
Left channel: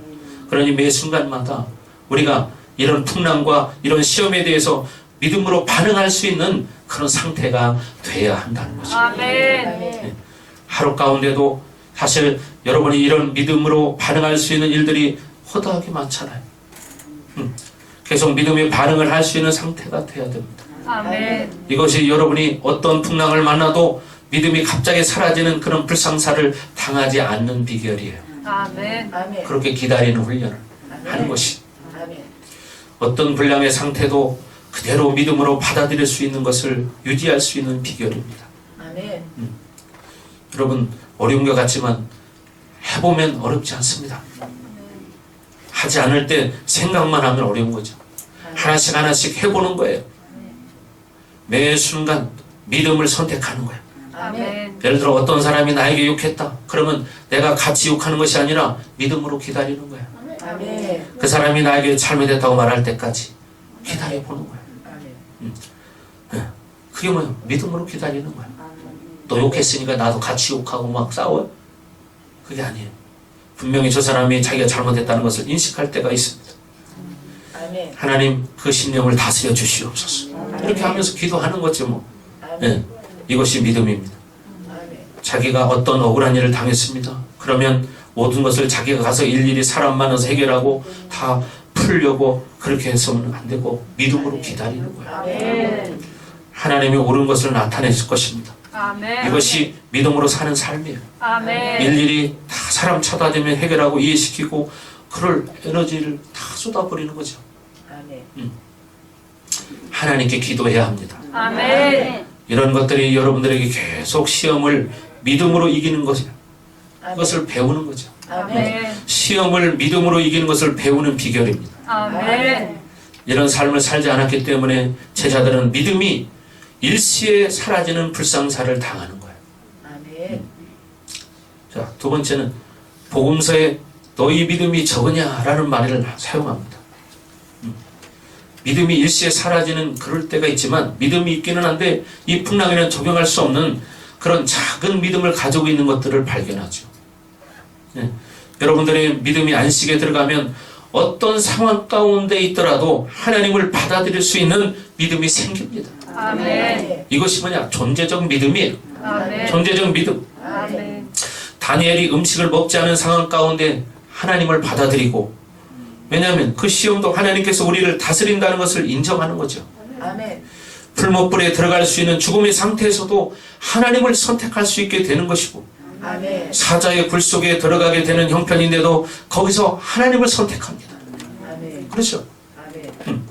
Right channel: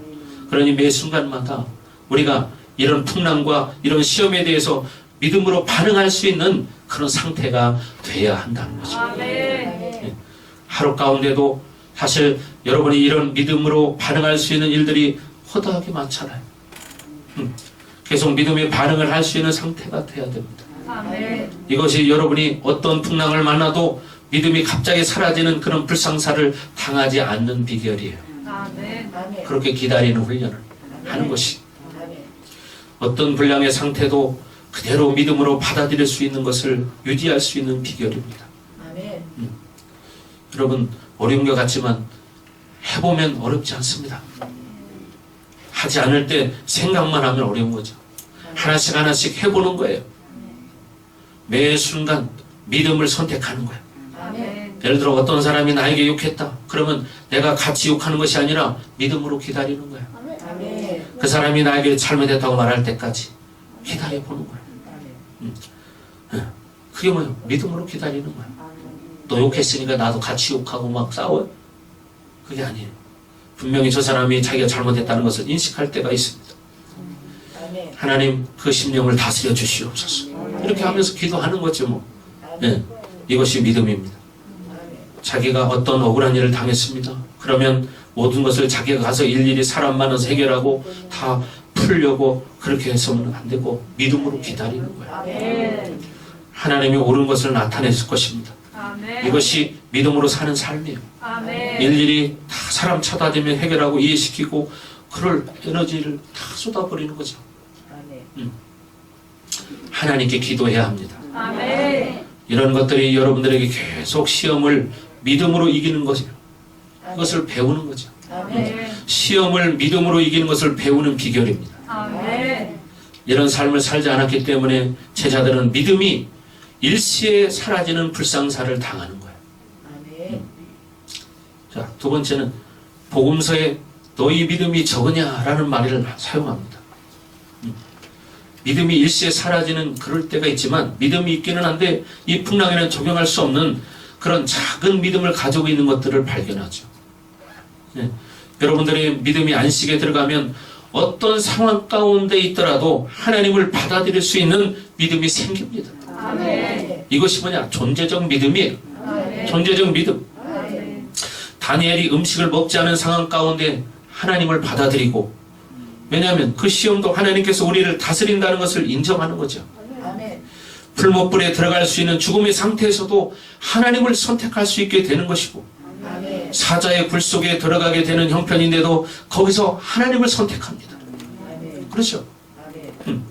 그러니 매 순간마다 우리가 이런 풍랑과 이런 시험에 대해서 믿음으로 반응할 수 있는 그런 상태가 돼야 한다는 거죠. 아멘. 하루 가운데도 사실 여러분이 이런 믿음으로 반응할 수 있는 일들이 허다하게 많잖아요. 계속 믿음의 반응을 할 수 있는 상태가 돼야 됩니다. 아멘. 이것이 여러분이 어떤 풍랑을 만나도 믿음이 갑자기 사라지는 그런 불상사를 당하지 않는 비결이에요. 아멘. 아멘. 그렇게 기다리는 훈련을 하는 것이 아멘. 어떤 불량의 상태도 그대로 믿음으로 받아들일 수 있는 것을 유지할 수 있는 비결입니다. 아멘. 여러분 어려운 것 같지만 해보면 어렵지 않습니다. 하지 않을 때 생각만 하면 어려운 거죠. 하나씩 하나씩 해보는 거예요. 매 순간 믿음을 선택하는 거예요. 아멘. 예를 들어 어떤 사람이 나에게 욕했다. 그러면 내가 같이 욕하는 것이 아니라 믿음으로 기다리는 거예요. 아멘. 그 사람이 나에게 잘못했다고 말할 때까지 기다려보는 거예요. 아멘. 그게 뭐예요? 믿음으로 기다리는 거예요. 너 욕했으니까 나도 같이 욕하고 막 싸워요? 그게 아니에요. 분명히 저 사람이 자기가 잘못했다는 것을 인식할 때가 있습니다. 아멘. 하나님 그 심령을 다스려 주시옵소서. 이렇게 하면서 기도하는 거죠 뭐. 예, 이것이 믿음입니다. 아멘. 자기가 어떤 억울한 일을 당했습니다. 그러면 모든 것을 자기가 가서 일일이 사람 만나서 해결하고 다 풀려고 그렇게 해서는 안 되고 믿음으로 기다리는 거예요. 아멘. 하나님이 옳은 것을 나타내실 것입니다. 아멘. 이것이 믿음으로 사는 삶이에요. 아멘. 일일이 다 사람 쳐다대면 해결하고 이해시키고 그럴 에너지를 다 쏟아버리는 거죠. 아멘. 하나님께 기도해야 합니다. 아멘. 이런 것들이 여러분들에게 계속 시험을 믿음으로 이기는 것이에요. 그것을 배우는 거죠. 아멘. 시험을 믿음으로 이기는 것을 배우는 비결입니다. 아멘. 이런 삶을 살지 않았기 때문에 제자들은 믿음이 일시에 사라지는 불상사를 당하는 거예요. 아멘. 자, 두 번째는 복음서에 너희 믿음이 적으냐라는 말을 사용합니다. 믿음이 일시에 사라지는 그럴 때가 있지만 믿음이 있기는 한데 이 풍랑에는 적용할 수 없는 그런 작은 믿음을 가지고 있는 것들을 발견하죠. 네. 여러분들의 믿음이 안식에 들어가면 어떤 상황 가운데 있더라도 하나님을 받아들일 수 있는 믿음이 생깁니다. 아멘. 이것이 뭐냐? 존재적 믿음이에요. 아멘. 존재적 믿음. 아멘. 다니엘이 음식을 먹지 않은 상황 가운데 하나님을 받아들이고, 왜냐하면 그 시험도 하나님께서 우리를 다스린다는 것을 인정하는 거죠. 아멘. 풀못불에 들어갈 수 있는 죽음의 상태에서도 하나님을 선택할 수 있게 되는 것이고, 아멘. 사자의 굴 속에 들어가게 되는 형편인데도 거기서 하나님을 선택합니다. 아멘. 그렇죠? 아멘.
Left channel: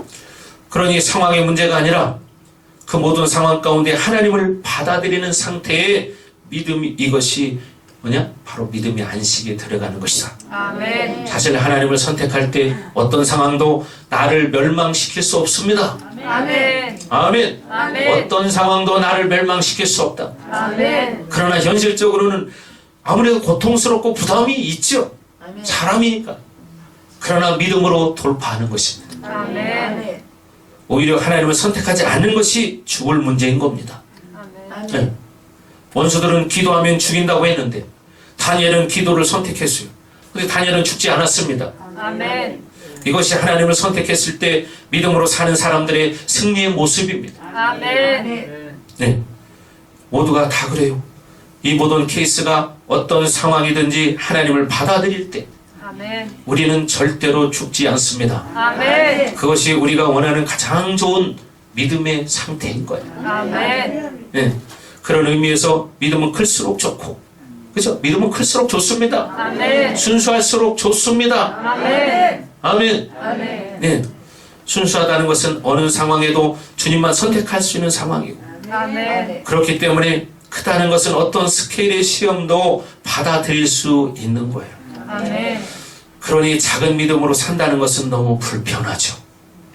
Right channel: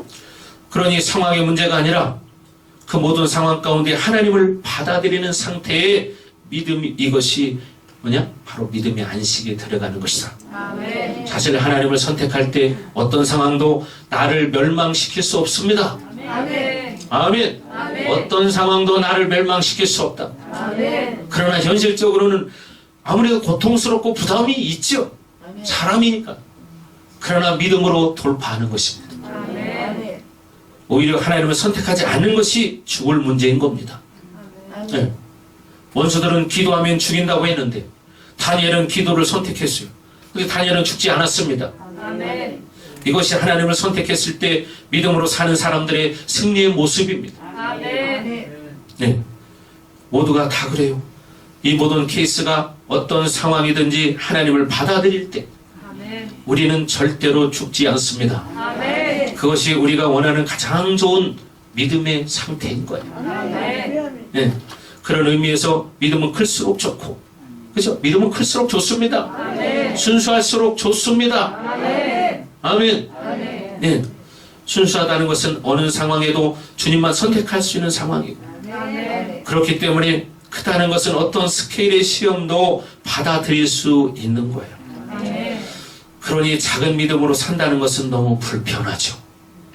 그러니 상황의 문제가 아니라 그 모든 상황 가운데 하나님을 받아들이는 상태의 믿음이, 이것이 뭐냐? 바로 믿음의 안식에 들어가는 것이다. 아멘. 사실 하나님을 선택할 때 어떤 상황도 나를 멸망시킬 수 없습니다. 아멘. 아멘. 아멘. 어떤 상황도 나를 멸망시킬 수 없다. 아멘. 그러나 현실적으로는 아무래도 고통스럽고 부담이 있죠. 아멘. 사람이니까. 그러나 믿음으로 돌파하는 것입니다. 아멘. 아멘. 오히려 하나님을 선택하지 않는 것이 죽을 문제인 겁니다. 아멘. 네. 아멘. 원수들은 기도하면 죽인다고 했는데 다니엘은 기도를 선택했어요. 근데 다니엘은 죽지 않았습니다. 아멘. 이것이 하나님을 선택했을 때 믿음으로 사는 사람들의 승리의 모습입니다. 아멘. 네, 모두가 다 그래요. 이 모든 케이스가 어떤 상황이든지 하나님을 받아들일 때 아멘. 우리는 절대로 죽지 않습니다. 아멘. 그것이 우리가 원하는 가장 좋은 믿음의 상태인 거예요. 아멘. 네, 그런 의미에서 믿음은 클수록 좋고, 그렇죠? 믿음은 클수록 좋습니다. 아멘. 순수할수록 좋습니다. 아멘. 아멘. 아멘. 네, 순수하다는 것은 어느 상황에도 주님만 선택할 수 있는 상황이고, 아멘. 그렇기 때문에 크다는 것은 어떤 스케일의 시험도 받아들일 수 있는 거예요. 아멘. 그러니 작은 믿음으로 산다는 것은 너무 불편하죠.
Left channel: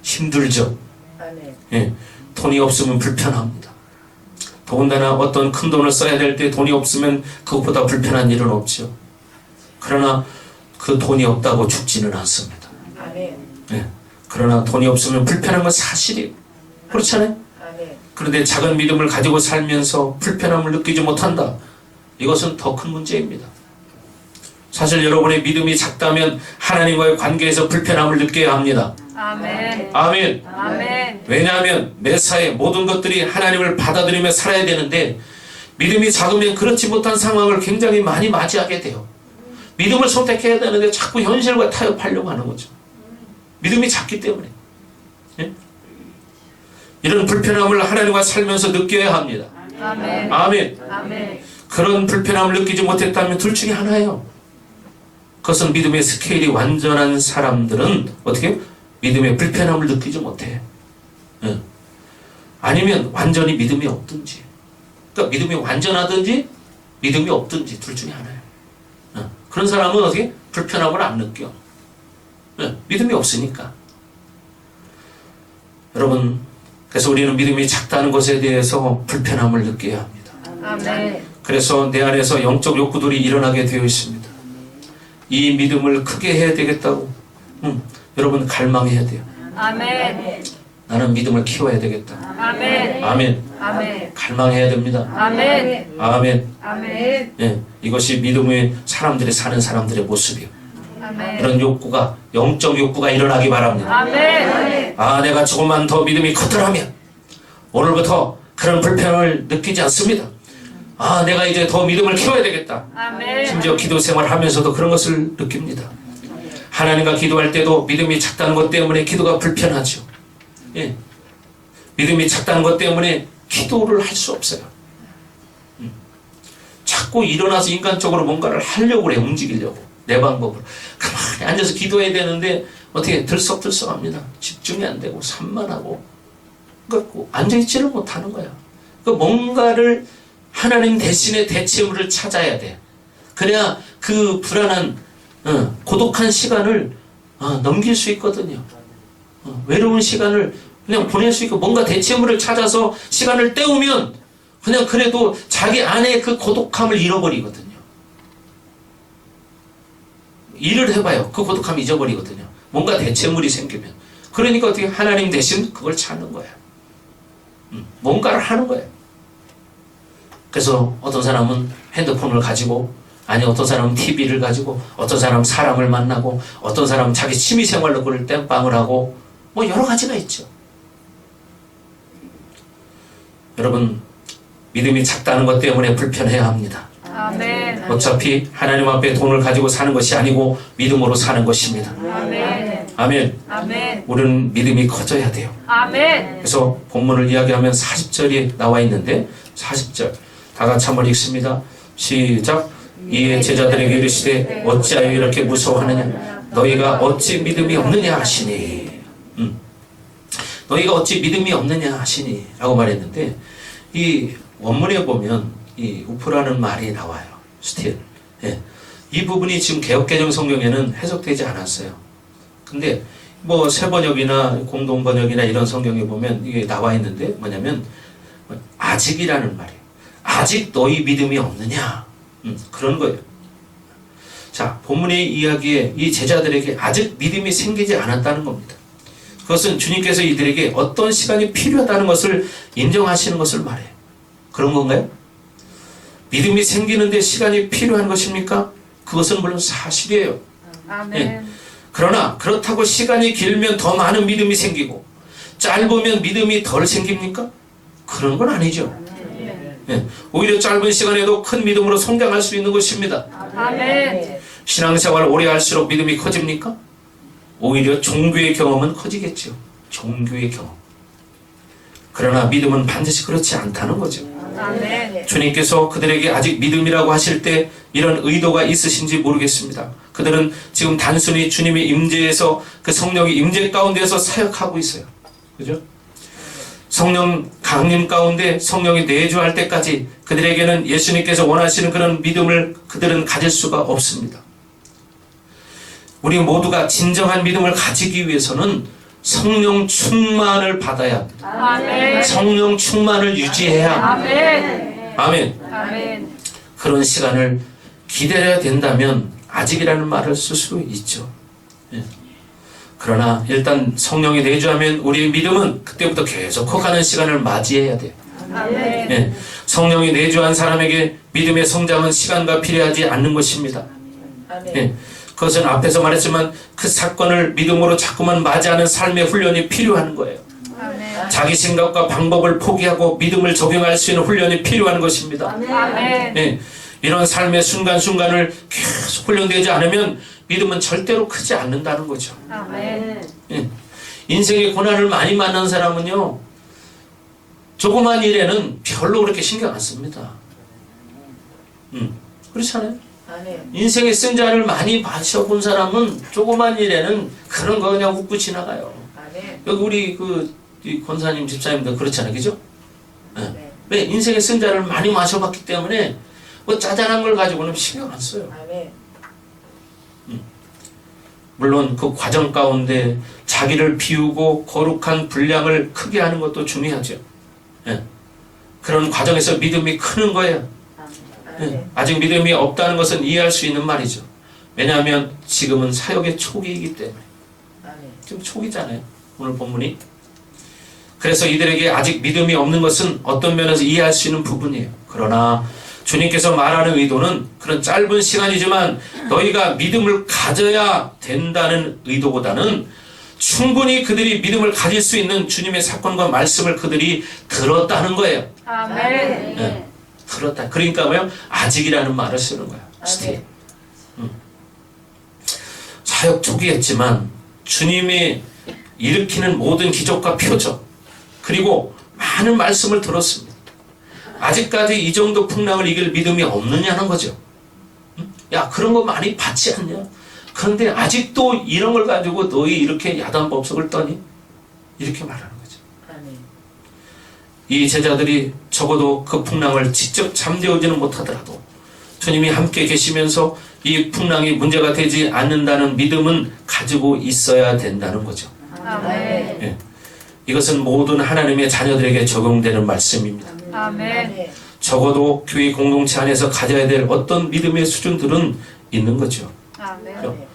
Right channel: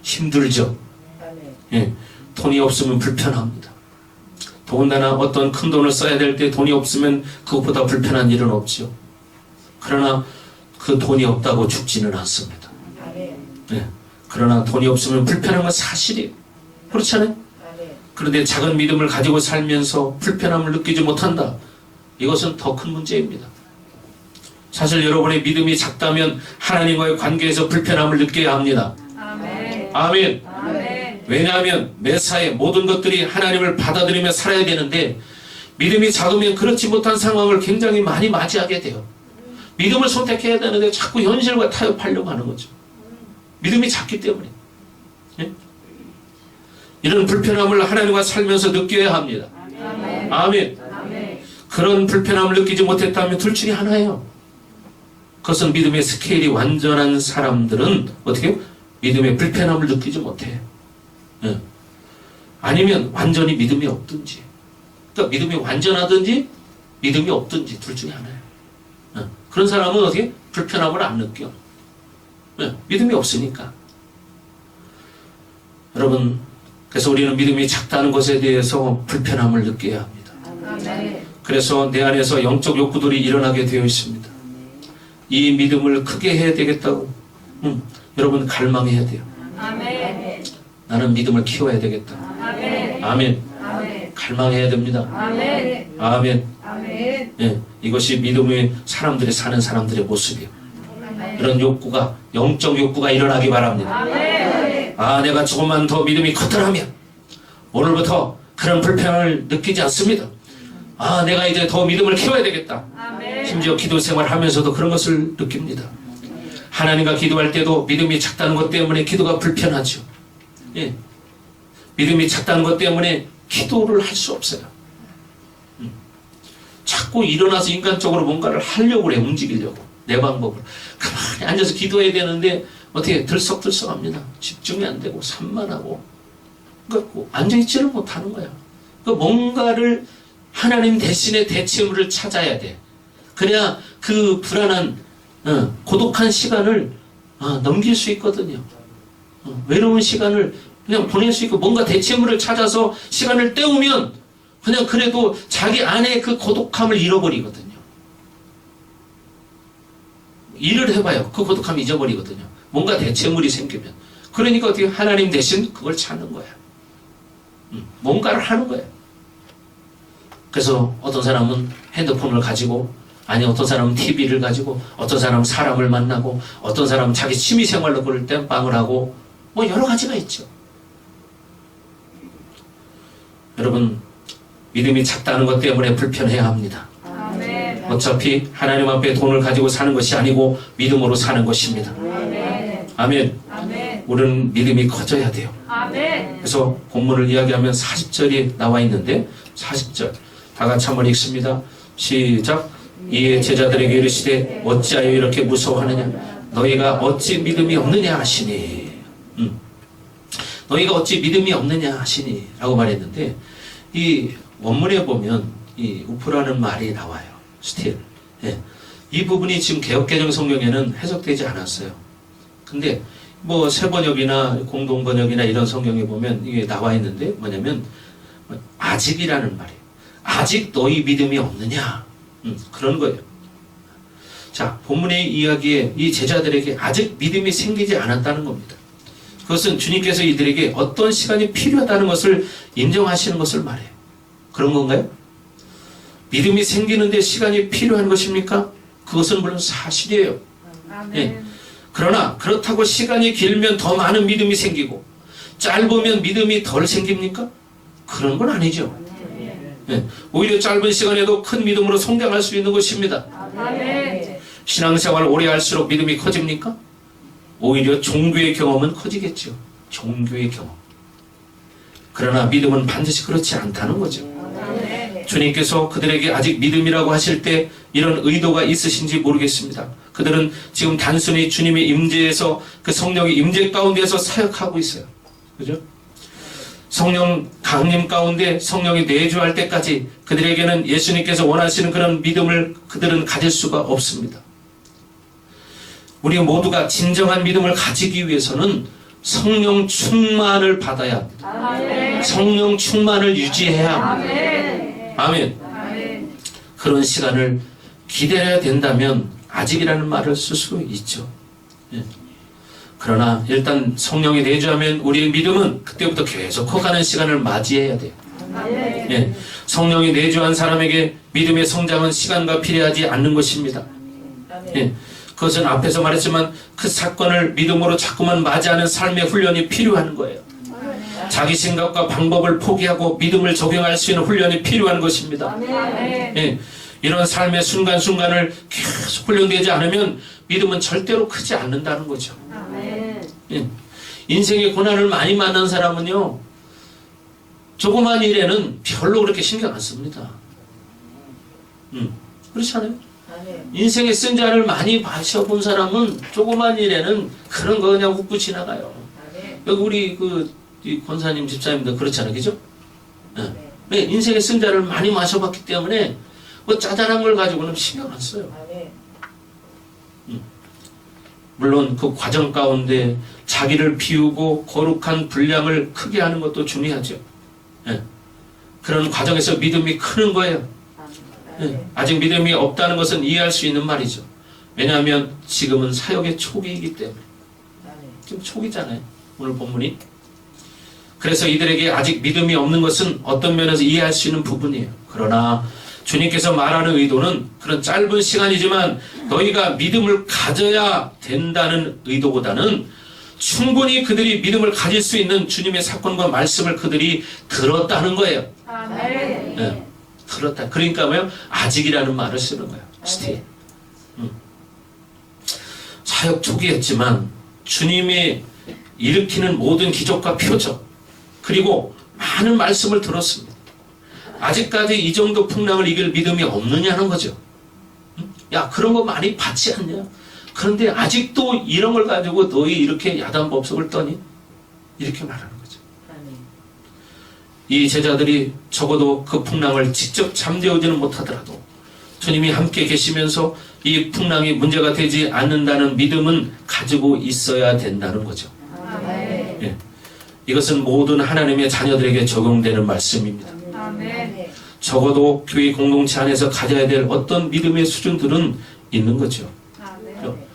힘들죠. 아멘. 예, 돈이 없으면 불편합니다. 더군다나 어떤 큰 돈을 써야 될 때 돈이 없으면 그것보다 불편한 일은 없죠. 그러나 그 돈이 없다고 죽지는 않습니다. 아멘. 예, 그러나 돈이 없으면 불편한 건 사실이에요. 그렇잖아요. 아멘. 그런데 작은 믿음을 가지고 살면서 불편함을 느끼지 못한다. 이것은 더 큰 문제입니다. 사실 여러분의 믿음이 작다면 하나님과의 관계에서 불편함을 느껴야 합니다. 아멘. 아멘. 아멘. 왜냐하면 매사에 모든 것들이 하나님을 받아들이며 살아야 되는데 믿음이 작으면 그렇지 못한 상황을 굉장히 많이 맞이하게 돼요. 믿음을 선택해야 되는데 자꾸 현실과 타협하려고 하는 거죠. 믿음이 작기 때문에. 예? 이런 불편함을 하나님과 살면서 느껴야 합니다. 아멘. 아멘. 아멘. 그런 불편함을 느끼지 못했다면 둘 중에 하나예요. 그것은 믿음의 스케일이 완전한 사람들은 어떻게 해요? 믿음의 불편함을 느끼지 못해. 예. 아니면 완전히 믿음이 없든지. 그러니까 믿음이 완전하든지 믿음이 없든지 둘 중에 하나예요. 예. 그런 사람은 어떻게 불편함을 안 느껴. 예. 믿음이 없으니까. 여러분, 그래서 우리는 믿음이 작다는 것에 대해서 불편함을 느껴야 합니다. 아멘. 그래서 내 안에서 영적 욕구들이 일어나게 되어 있습니다. 이 믿음을 크게 해야 되겠다고 여러분 갈망해야 돼요. 아멘. 나는 믿음을 키워야 되겠다. 아멘. 아멘. 아멘. 갈망해야 됩니다. 아멘. 아멘. 아멘. 네, 이것이 믿음의 사람들이 사는 사람들의 모습이에요. 아멘. 이런 욕구가 영적 욕구가 일어나기 바랍니다. 아멘. 아, 내가 조금만 더 믿음이 컸더라면 오늘부터 그런 불편함을 느끼지 않습니다. 아, 내가 이제 더 믿음을 키워야 되겠다. 아멘. 심지어 기도 생활하면서도 그런 것을 느낍니다. 하나님과 기도할 때도 믿음이 작다는 것 때문에 기도가 불편하죠. 예. 믿음이 작다는 것 때문에 기도를 할 수 없어요. 자꾸 일어나서 인간적으로 뭔가를 하려고 그래, 움직이려고. 내 방법으로. 가만히 앉아서 기도해야 되는데 어떻게 들썩들썩합니다. 집중이 안 되고 산만하고. 그러니까 앉아있지를 못하는 거야. 그러니까 뭔가를 하나님 대신에 대체물을 찾아야 돼. 그래야 그 불안한 고독한 시간을 넘길 수 있거든요. 외로운 시간을 그냥 보낼 수 있고 뭔가 대체물을 찾아서 시간을 때우면 그냥 그래도 자기 안에 그 고독함을 잃어버리거든요. 일을 해봐요. 그 고독함 잊어버리거든요. 뭔가 대체물이 생기면. 그러니까 어떻게 하나님 대신 그걸 찾는 거야. 뭔가를 하는 거예요. 그래서 어떤 사람은 핸드폰을 가지고, 아니 어떤 사람은 TV를 가지고, 어떤 사람은 사람을 만나고, 어떤 사람은 자기 취미생활로 그걸 땜빵을 하고, 뭐 여러 가지가 있죠. 여러분, 믿음이 작다는 것 때문에 불편해야 합니다. 아멘. 어차피 하나님 앞에 돈을 가지고 사는 것이 아니고 믿음으로 사는 것입니다. 아멘. 아멘. 아멘. 우리는 믿음이 커져야 돼요. 아멘. 그래서 본문을 이야기하면 40절이 나와 있는데 40절 다 같이 한번 읽습니다. 시작. 이에 제자들에게 이르시되 어찌하여 이렇게 무서워하느냐 너희가 어찌 믿음이 없느냐 하시니 너희가 어찌 믿음이 없느냐 하시니 라고 말했는데 이 원문에 보면 이 우프라는 말이 나와요. 스틸. 예. 이 부분이 지금 개역개정 성경에는 해석되지 않았어요. 근데 뭐 새번역이나 공동번역이나 이런 성경에 보면 이게 나와 있는데 뭐냐면 아직이라는 말이에요. 아직 너희 믿음이 없느냐 그런 거예요. 자, 본문의 이야기에 이 제자들에게 아직 믿음이 생기지 않았다는 겁니다. 그것은 주님께서 이들에게 어떤 시간이 필요하다는 것을 인정하시는 것을 말해요. 그런 건가요? 믿음이 생기는데 시간이 필요한 것입니까? 그것은 물론 사실이에요. 아멘. 그러나 그렇다고 시간이 길면 더 많은 믿음이 생기고 짧으면 믿음이 덜 생깁니까? 그런 건 아니죠. 오히려 짧은 시간에도 큰 믿음으로 성장할 수 있는 것입니다. 아멘. 신앙생활 오래 할수록 믿음이 커집니까? 오히려 종교의 경험은 커지겠죠. 종교의 경험. 그러나 믿음은 반드시 그렇지 않다는 거죠. 아멘. 주님께서 그들에게 아직 믿음이라고 하실 때 이런 의도가 있으신지 모르겠습니다. 그들은 지금 단순히 주님의 임재에서 그 성령의 임재 가운데서 사역하고 있어요. 그죠? 성령 강림 가운데 성령이 내주할 때까지 그들에게는 예수님께서 원하시는 그런 믿음을 그들은 가질 수가 없습니다. 우리 모두가 진정한 믿음을 가지기 위해서는 성령 충만을 받아야 합니다. 아멘. 성령 충만을 유지해야 합니다. 아멘. 아멘. 아멘. 그런 시간을 기다려야 된다면 아직이라는 말을 쓸 수 있죠. 예. 그러나 일단 성령이 내주하면 우리의 믿음은 그때부터 계속 커가는 시간을 맞이해야 돼요. 아멘. 예. 성령이 내주한 사람에게 믿음의 성장은 시간과 필요하지 않는 것입니다. 예. 그것은 앞에서 말했지만 그 사건을 믿음으로 자꾸만 맞이하는 삶의 훈련이 필요한 거예요. 아멘. 자기 생각과 방법을 포기하고 믿음을 적용할 수 있는 훈련이 필요한 것입니다. 아멘. 예. 이런 삶의 순간순간을 계속 훈련되지 않으면 믿음은 절대로 크지 않는다는 거죠. 아멘. 예. 인생의 고난을 많이 만난 사람은요, 조그만 일에는 별로 그렇게 신경 안 씁니다. 그렇잖아요. 인생의 쓴 잔을 많이 마셔본 사람은 조그만 일에는 그런 거 그냥 웃고 지나가요. 여기 우리 이 권사님 집사님도 그렇잖아요. 그죠? 예. 왜? 인생의 쓴 잔을 많이 마셔봤기 때문에 뭐 짜잘한 걸 가지고는 신경 안 써요. 물론 그 과정 가운데 자기를 비우고 거룩한 분량을 크게 하는 것도 중요하죠. 예. 그런 과정에서 믿음이 크는 거예요. 예. 아직 믿음이 없다는 것은 이해할 수 있는 말이죠. 왜냐하면 지금은 사역의 초기이기 때문에. 지금 초기잖아요. 오늘 본문이. 그래서 이들에게 아직 믿음이 없는 것은 어떤 면에서 이해할 수 있는 부분이에요. 그러나 주님께서 말하는 의도는 그런 짧은 시간이지만 너희가 믿음을 가져야 된다는 의도보다는 충분히 그들이 믿음을 가질 수 있는 주님의 사건과 말씀을 그들이 들었다는 거예요. 아멘. 네, 들었다. 그러니까 뭐요? 아직이라는 말을 쓰는 거예요. 스틸. 사역 초기였지만 주님이 일으키는 모든 기적과 표적 그리고 많은 말씀을 들었습니다. 아직까지 이 정도 풍랑을 이길 믿음이 없느냐는 거죠. 야, 그런 거 많이 받지 않냐? 그런데 아직도 이런 걸 가지고 너희 이렇게 야단법석을 떠니? 이렇게 말하는 거죠. 이 제자들이 적어도 그 풍랑을 직접 잠재우지는 못하더라도 주님이 함께 계시면서 이 풍랑이 문제가 되지 않는다는 믿음은 가지고 있어야 된다는 거죠. 아멘. 예. 이것은 모든 하나님의 자녀들에게 적용되는 말씀입니다. 아멘. 적어도 교회 공동체 안에서 가져야 될 어떤 믿음의 수준들은 있는 거죠. 아멘.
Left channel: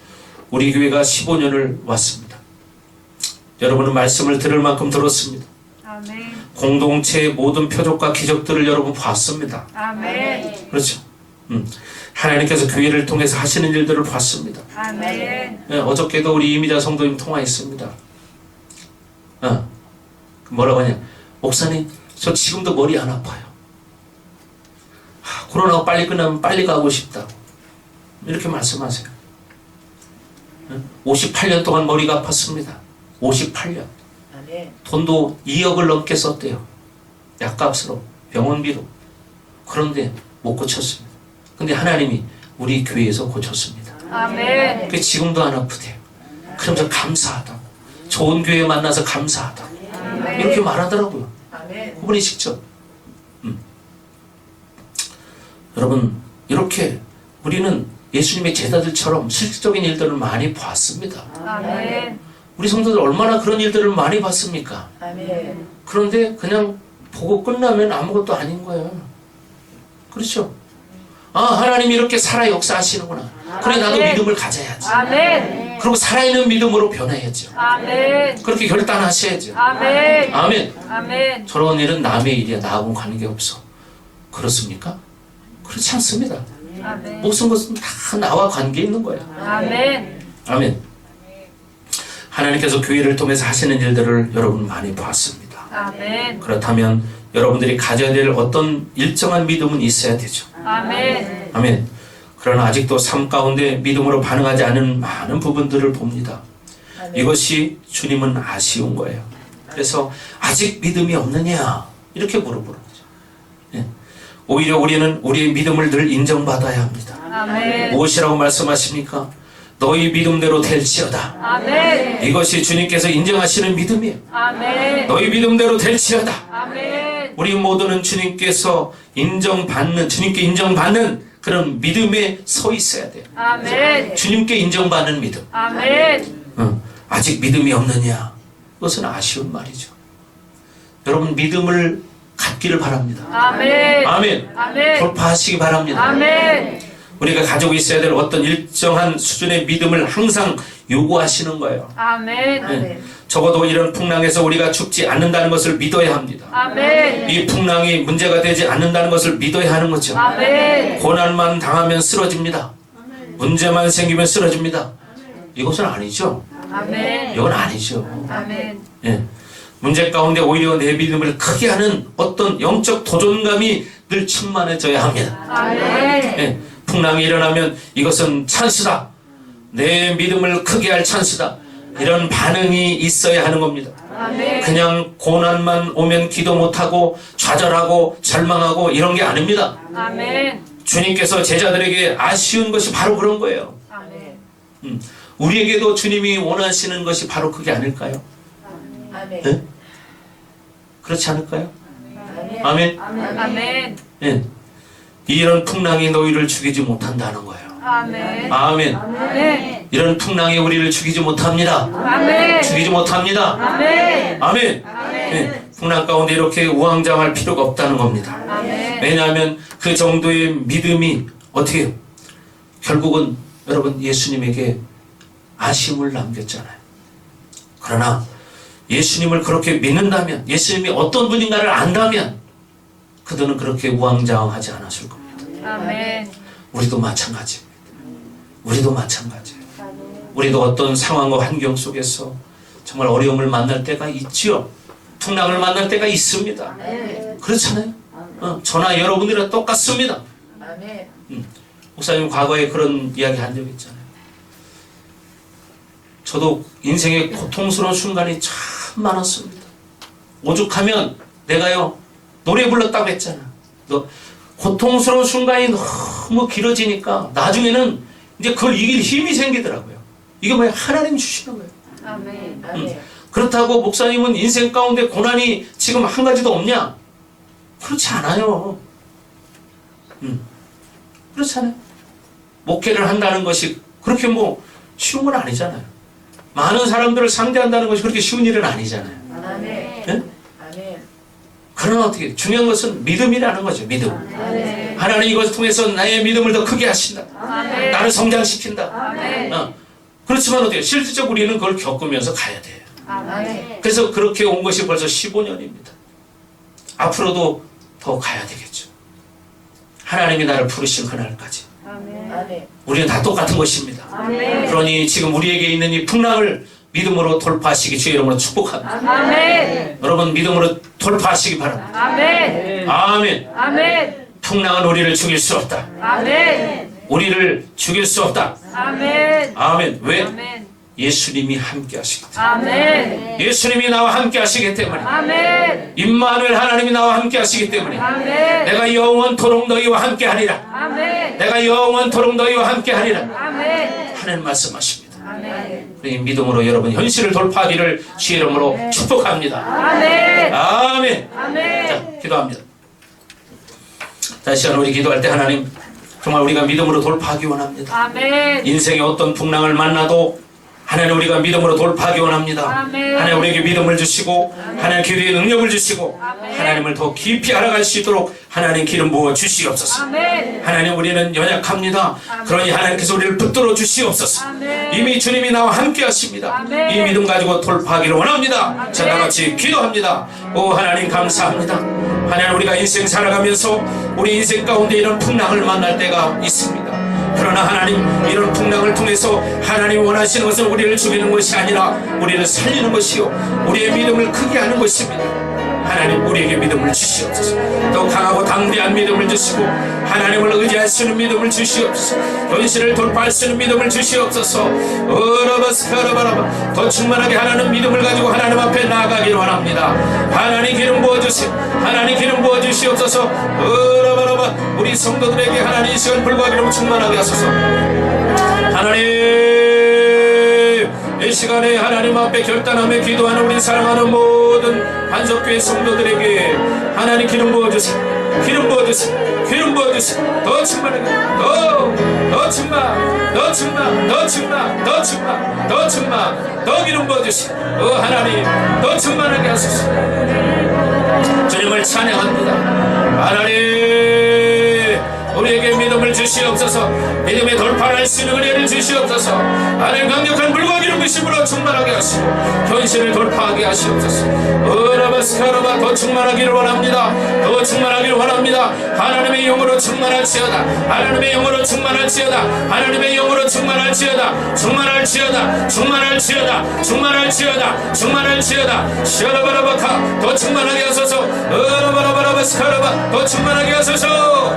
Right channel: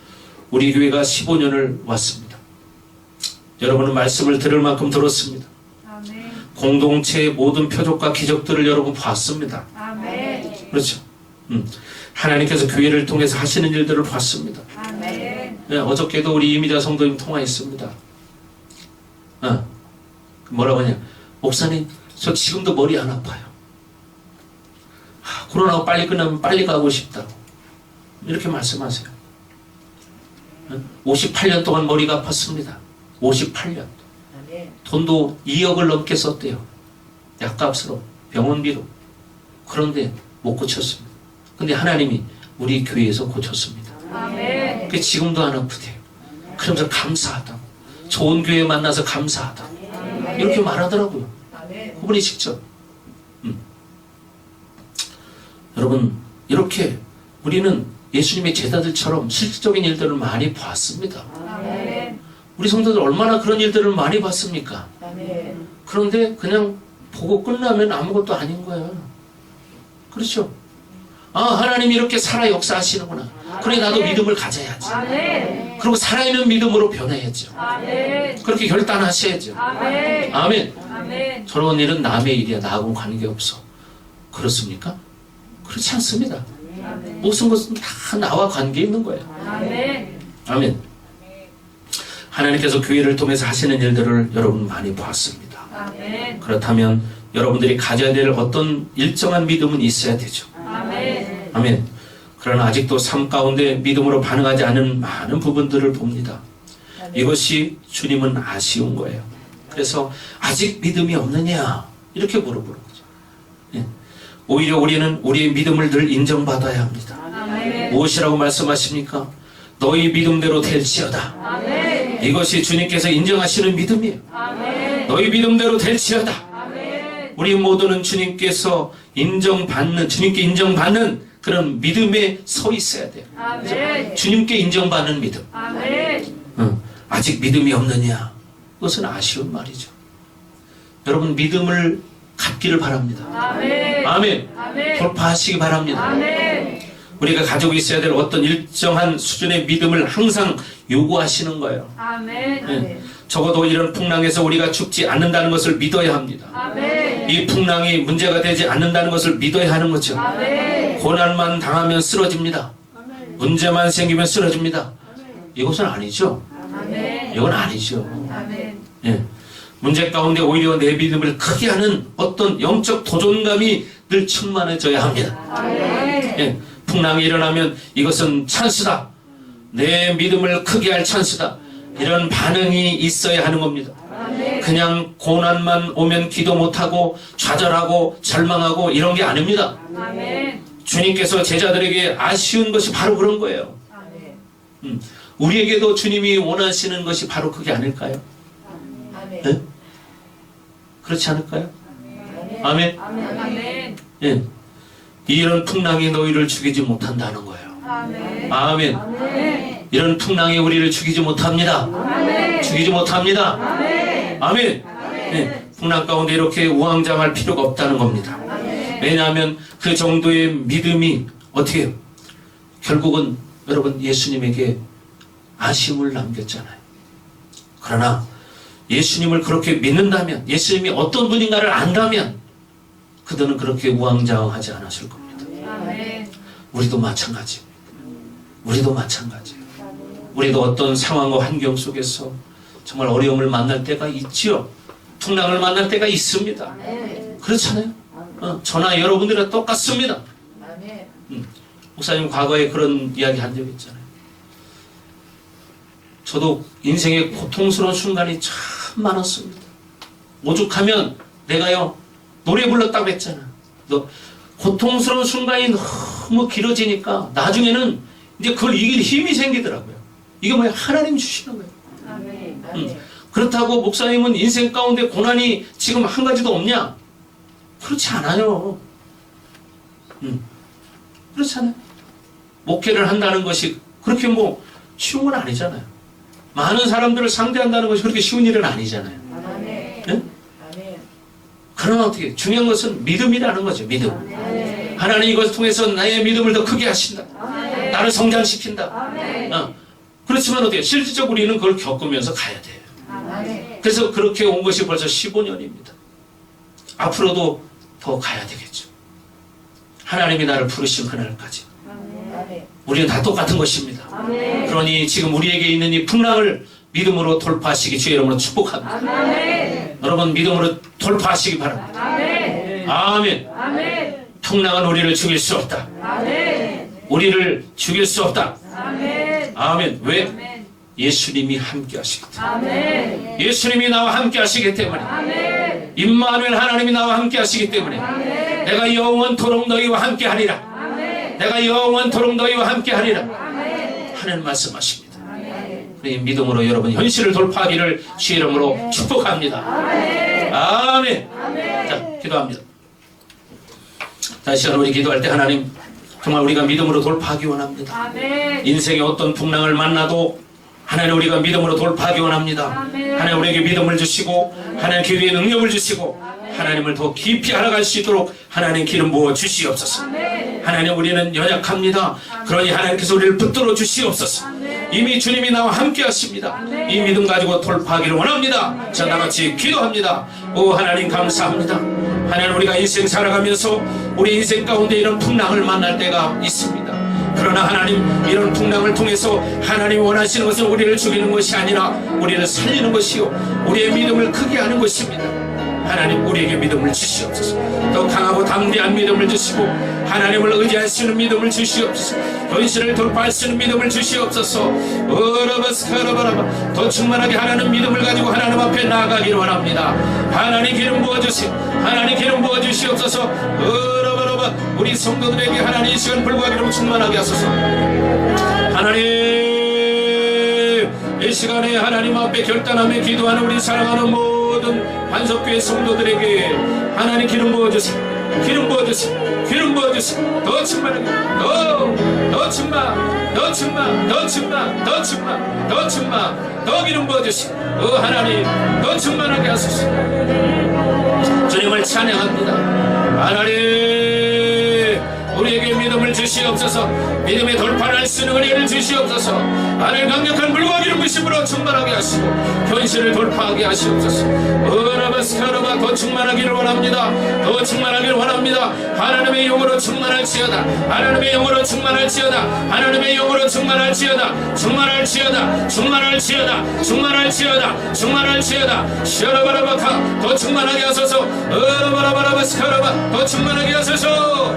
우리 교회가 15년을 왔습니다. 여러분은 말씀을 들을 만큼 들었습니다. 아멘. 공동체의 모든 표적과 기적들을 여러분 봤습니다. 아멘. 그렇죠. 하나님께서 교회를 통해서 하시는 일들을 봤습니다. 아멘. 예, 어저께도 우리 이미자 성도님 통화했습니다. 뭐라고 하냐? 목사님, 저 지금도 머리 안 아파요. 코로나가 빨리 끝나면 빨리 가고 싶다고. 이렇게 말씀하세요. 58년 동안 머리가 아팠습니다. 58년. 돈도 2억을 넘게 썼대요. 약값으로, 병원비로. 그런데 못 고쳤습니다. 근데 하나님이 우리 교회에서 고쳤습니다. 아멘. 그 지금도 안 아프대요. 그러면서 감사하다고. 좋은 교회 만나서 감사하다고. 이렇게 말하더라고요. 그분이 직접. 여러분, 이렇게 우리는 예수님의 제자들처럼 실질적인 일들을 많이 봤습니다. 아멘. 우리 성도들 얼마나 그런 일들을 많이 봤습니까? 그런데 그냥 보고 끝나면 아무것도 아닌 거예요. 그렇죠? 아, 하나님이 이렇게 살아 역사하시는구나. 그래, 나도 믿음을 가져야지. 아멘. 그리고 살아있는 믿음으로 변해야죠. 아멘. 그렇게 결단하셔야죠. 아멘. 아멘. 아멘. 저런 일은 남의 일이야. 나하고는 관계없어. 그렇습니까? 그렇지 않습니다. 아멘. 모든 것은 다 나와 관계 있는 거예요. 아멘. 아멘. 하나님께서 교회를 통해서 하시는 일들을 여러분 많이 보았습니다. 아멘. 그렇다면 여러분들이 가져야 될 어떤 일정한 믿음은 있어야 되죠. 아멘. 아멘. 그러나 아직도 삶 가운데 믿음으로 반응하지 않은 많은 부분들을 봅니다. 아멘. 이것이 주님은 아쉬운 거예요. 그래서 아직 믿음이 없느냐 이렇게 물어보는 거죠. 예. 오히려 우리는 우리의 믿음을 늘 인정받아야 합니다. 아멘. 무엇이라고 말씀하십니까? 너희 믿음대로 될지어다. 아멘. 이것이 주님께서 인정하시는 믿음이에요. 아멘. 너희 믿음대로 될지어다. 아멘. 우리 모두는 주님께서 인정받는, 주님께 인정받는 그런 믿음에 서 있어야 돼요. 아멘. 주님께 인정받는 믿음. 아멘. 아직 믿음이 없느냐? 그것은 아쉬운 말이죠. 여러분 믿음을 갖기를 바랍니다. 아멘. 아멘. 아멘. 돌파하시기 바랍니다. 아멘. 우리가 가지고 있어야 될 어떤 일정한 수준의 믿음을 항상 요구하시는 거예요. 아멘. 아멘. 적어도 이런 풍랑에서 우리가 죽지 않는다는 것을 믿어야 합니다. 아멘. 이 풍랑이 문제가 되지 않는다는 것을 믿어야 하는 거죠. 아멘. 고난만 당하면 쓰러집니다. 문제만 생기면 쓰러집니다. 이것은 아니죠. 아멘. 이건 아니죠. 아멘. 예. 문제 가운데 오히려 내 믿음을 크게 하는 어떤 영적 도전감이 늘 충만해져야 합니다. 아멘. 예. 풍랑이 일어나면 이것은 찬스다. 내 믿음을 크게 할 찬스다. 이런 반응이 있어야 하는 겁니다. 아멘. 그냥 고난만 오면 기도 못하고 좌절하고 절망하고 이런 게 아닙니다. 아멘. 주님께서 제자들에게 아쉬운 것이 바로 그런 거예요. 아멘. 우리에게도 주님이 원하시는 것이 바로 그게 아닐까요? 아멘. 네? 그렇지 않을까요? 아멘. 아멘. 아멘. 예. 이런 풍랑이 너희를 죽이지 못한다는 거예요. 아멘. 아멘. 아멘. 이런 풍랑이 우리를 죽이지 못합니다. 아멘. 죽이지 못합니다. 아멘. 아멘. 예. 풍랑 가운데 이렇게 우왕좌왕할 필요가 없다는 겁니다. 아멘. 왜냐하면 그 정도의 믿음이 어떻게 해요? 결국은 여러분 예수님에게 아쉬움을 남겼잖아요. 그러나 예수님을 그렇게 믿는다면, 예수님이 어떤 분인가를 안다면 그들은 그렇게 우왕좌왕하지 않았을 겁니다. 아멘. 우리도 마찬가지입니다. 우리도 마찬가지예요. 우리도 어떤 상황과 환경 속에서 정말 어려움을 만날 때가 있지요. 풍랑을 만날 때가 있습니다. 그렇잖아요. 저나 여러분들이랑 똑같습니다. 아멘. 목사님 과거에 그런 이야기 한 적 있잖아요. 저도 인생의 고통스러운 순간이 참 많았습니다. 오죽하면 내가요 노래 불렀다고 했잖아. 고통스러운 순간이 너무 길어지니까 나중에는 이제 그걸 이길 힘이 생기더라고요. 이게 뭐야? 하나님 주시는 거예요. 아멘. 아멘. 그렇다고 목사님은 인생 가운데 고난이 지금 한 가지도 없냐? 그렇지 않아요. 그렇지 않아요. 목회를 한다는 것이 그렇게 뭐 쉬운 건 아니잖아요. 많은 사람들을 상대한다는 것이 그렇게 쉬운 일은 아니잖아요. 아멘. 예? 아멘. 그러나 어떻게 중요한 것은 믿음이라는 거죠. 믿음. 아멘. 하나님 이것을 통해서 나의 믿음을 더 크게 하신다. 아멘. 나를 성장시킨다. 아멘. 그렇지만 어떻게 실질적으로 우리는 그걸 겪으면서 가야 돼요. 아멘. 그래서 그렇게 온 것이 벌써 15년입니다. 앞으로도 더 가야 되겠죠. 하나님이 나를 부르신 그날까지. 아멘. 우리는 다 똑같은 것입니다. 아멘. 그러니 지금 우리에게 있는 이 풍랑을 믿음으로 돌파하시기 주의 이름으로 축복합니다. 아멘. 여러분 믿음으로 돌파하시기 바랍니다. 아멘. 아멘. 아멘. 풍랑은 우리를 죽일 수 없다. 아멘. 우리를 죽일 수 없다. 아멘. 아멘. 왜? 아멘. 예수님이 함께 하시기 때문에. 아멘. 예수님이 나와 함께 하시기 때문에. 아멘. 임마누엘 하나님이 나와 함께 하시기 때문에. 아멘. 내가 영원토록 너희와 함께 하리라. 아멘. 내가 영원토록 너희와 함께 하리라. 아멘. 하는 말씀하십니다. 아멘. 이 믿음으로 여러분 현실을 돌파하기를 주의 이름으로 축복합니다. 아멘. 아멘. 아멘. 자, 기도합니다. 다시 한번 우리 기도할 때 하나님 정말 우리가 믿음으로 돌파하기 원합니다. 아멘. 인생의 어떤 풍랑을 만나도 하나님 우리가 믿음으로 돌파하기 원합니다. 아멘. 하나님 우리에게 믿음을 주시고 하나님 기도의 능력을 주시고 하나님을 더 깊이 알아갈 수 있도록 하나님 기름 부어 주시옵소서. 아멘. 하나님 우리는 연약합니다. 그러니 하나님께서 우리를 붙들어 주시옵소서. 아멘. 이미 주님이 나와 함께 하십니다. 이 믿음 가지고 돌파하기를 원합니다. 자, 나같이 기도합니다. 오 하나님 감사합니다. 하나님 우리가 인생 살아가면서 우리 인생 가운데 이런 풍랑을 만날 때가 있습니다. 그러나 하나님 이런 풍랑을 통해서 하나님 원하시는 것은 우리를 죽이는 것이 아니라 우리를 살리는 것이요 우리의 믿음을 크게 하는 것입니다. 하나님 우리에게 믿음을 주시옵소서. 더 강하고 당대한 믿음을 주시고 하나님을 의지할 수 있는 믿음을 주시옵소서. 현실을 돌파할 수 있는 믿음을 주시옵소서. 더 충만하게 하나님 믿음을 가지고 하나님 앞에 나아가기를 원합니다. 하나님 기름 부어주시오. 하나님 기름 부어주시옵소서. 우리 성도들에게 하나님 이 시간 불과 기름 충만하게 하소서. 하나님 이 시간에 하나님 앞에 결단하며 기도하는 우리 사랑하는 모든 반석교회 성도들에게 하나님 기름 부어주세요. 기름 부어주세요. 기름 부어주세요. 더 충만하게 더 충만 더 충만 더 충만 더 충만 더 충만 더 기름 부어주세요. 하나님 더 충만하게 하소서. 주님을 찬양합니다. 하나님 우리에게 믿음을 주시옵소서. 믿음의 돌파할 수 있는 은혜를 주시옵소서. 하나님 강력한 물과 기름 부심으로 충만하게 하시고 현실을 돌파하게 하시옵소서. 어라바스카라바 더 충만하기를 원합니다. 더 충만하기를 원합니다. 하나님의 영으로 충만할지어다. 하나님의 영으로 충만할지어다. 하나님의 영으로 충만할지어다. 충만할지어다. 충만할지어다. 충만할지어다. 충만할지어다. 시아라바라바카 더 충만하게 하소서. 어라바라바라바스카라바 더 충만하게 하소서.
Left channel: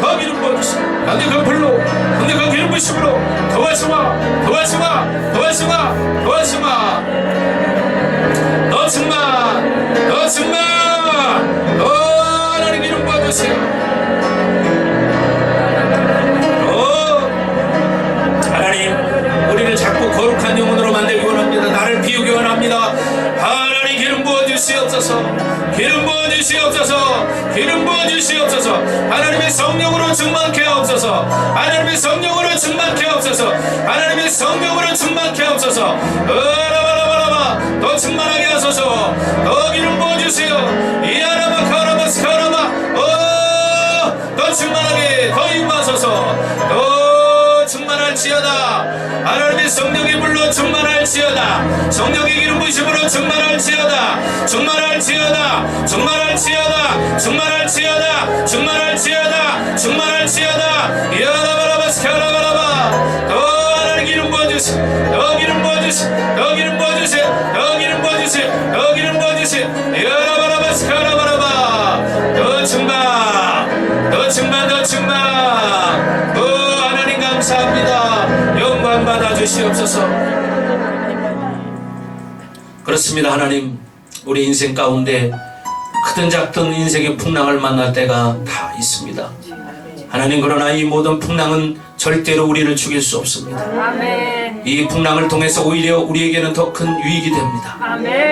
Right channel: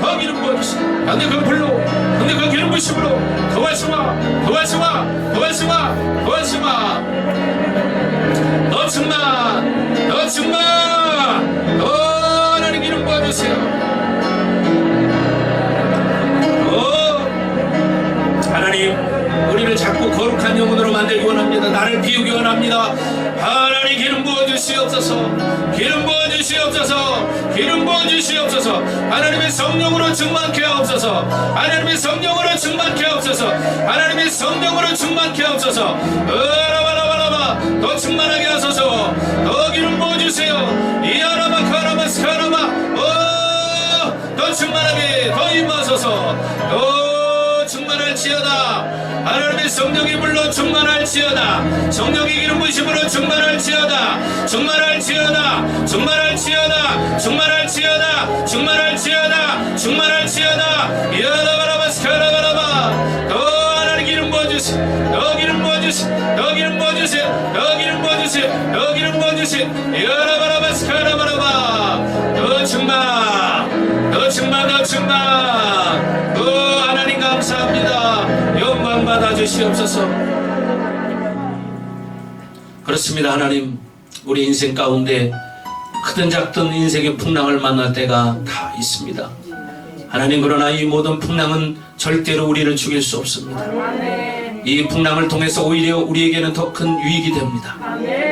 더 기름 부어주시오. 강력한 불로 강력한 기름 부으심으로 더 활성화 더 활성화 더 활성화 더 활성화 더 충만 더 충만 더 하나님 기름 부어주세요. 하나님 우리를 자꾸 거룩한 영혼으로 만들기 원합니다. 나를 비우기 원합니다. 하나님 기름 부어주시옵소서. 기름 부어주시옵소서. 기름 부어주시옵소서. 하나님의 성령으로 충만케 하옵소서. 하나님의 성령으로 충만케 하옵소서. 하나님의 성령으로 충만케 하옵소서. 라바라바라바 더 충만하게 하소서. 더 기름 부어주세요. 이아라마 카라마 스카라마 더 충만하게 더 임하소서. 더 충만할지어다. 하나님의 성령의 불로 충만할지어다. 성령의 기름 부으심으로 충만할지어다. 충만할지어다. 충만할지어다. 충만할지어다. 충만할지어다. 충만할지어다. 이아라바라바스카라바라바 더 하나님 기름 부어주세요. 더 기름 부어주세요. 더 기름 부어주세요. 더 기름 부어주세요. 더 기름 부어주세요. 이아라바라바스카라바라바 더 충만 더 충만 더 충만 하나님 감사합니다. 영광 받아주시옵소서. 그렇습니다. 하나님 우리 인생 가운데 크든 작든 인생의 풍랑을 만날 때가 다 있습니다. 하나님 그러나 이 모든 풍랑은 절대로 우리를 죽일 수 없습니다. 이 풍랑을 통해서 오히려 우리에게는 더 큰 유익이 됩니다.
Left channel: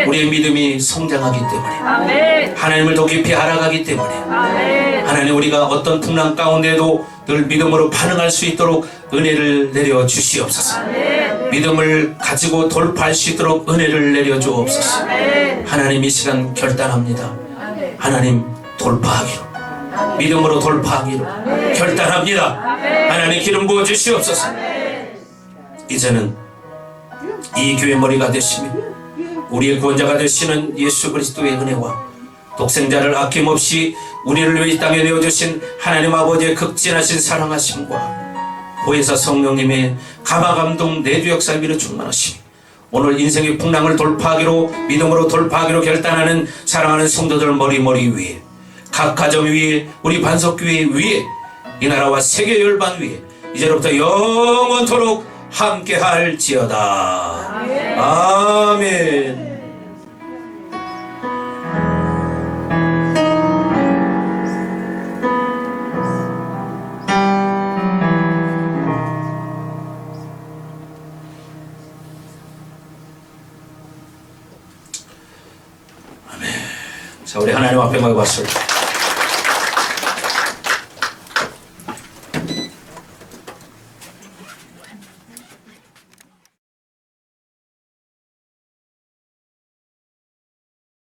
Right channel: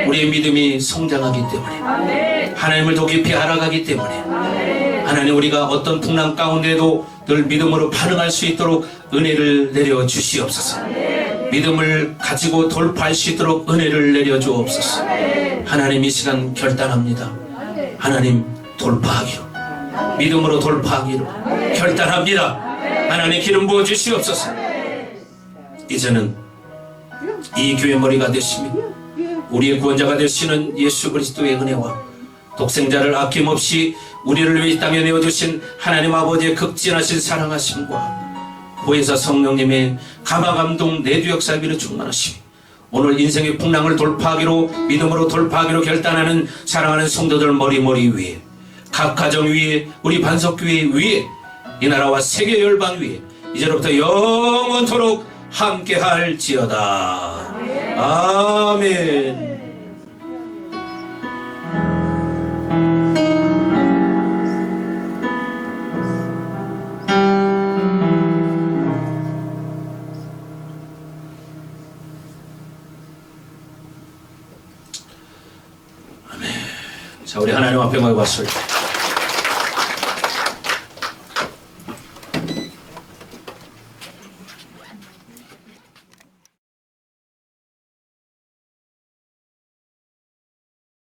우리의 믿음이 성장하기 때문에 하나님을 더 깊이 알아가기 때문에 하나님 우리가 어떤 풍랑 가운데도 늘 믿음으로 반응할 수 있도록 은혜를 내려 주시옵소서. 믿음을 가지고 돌파할 수 있도록 은혜를 내려 주옵소서. 하나님 이 시간 결단합니다. 하나님 돌파하기로 믿음으로 돌파하기로 결단합니다. 하나님 기름 부어 주시옵소서. 이제는 이 교회 머리가 되시며 우리의 구원자가 되시는 예수 그리스도의 은혜와 독생자를 아낌없이 우리를 위해 이 땅에 내어주신 하나님 아버지의 극진하신 사랑하심과 보혜사 성령님의 감화감동 내주 역사 위로 충만하시며 오늘 인생의 풍랑을 돌파하기로 믿음으로 돌파하기로 결단하는 사랑하는 성도들 머리 위에 각 가정 위에 우리 반석교회 위에 이 나라와 세계 열방 위에 이제로부터 영원토록 함께 할지어다. 아멘. 자, 우리 하나님 앞에 가고 왔습니다.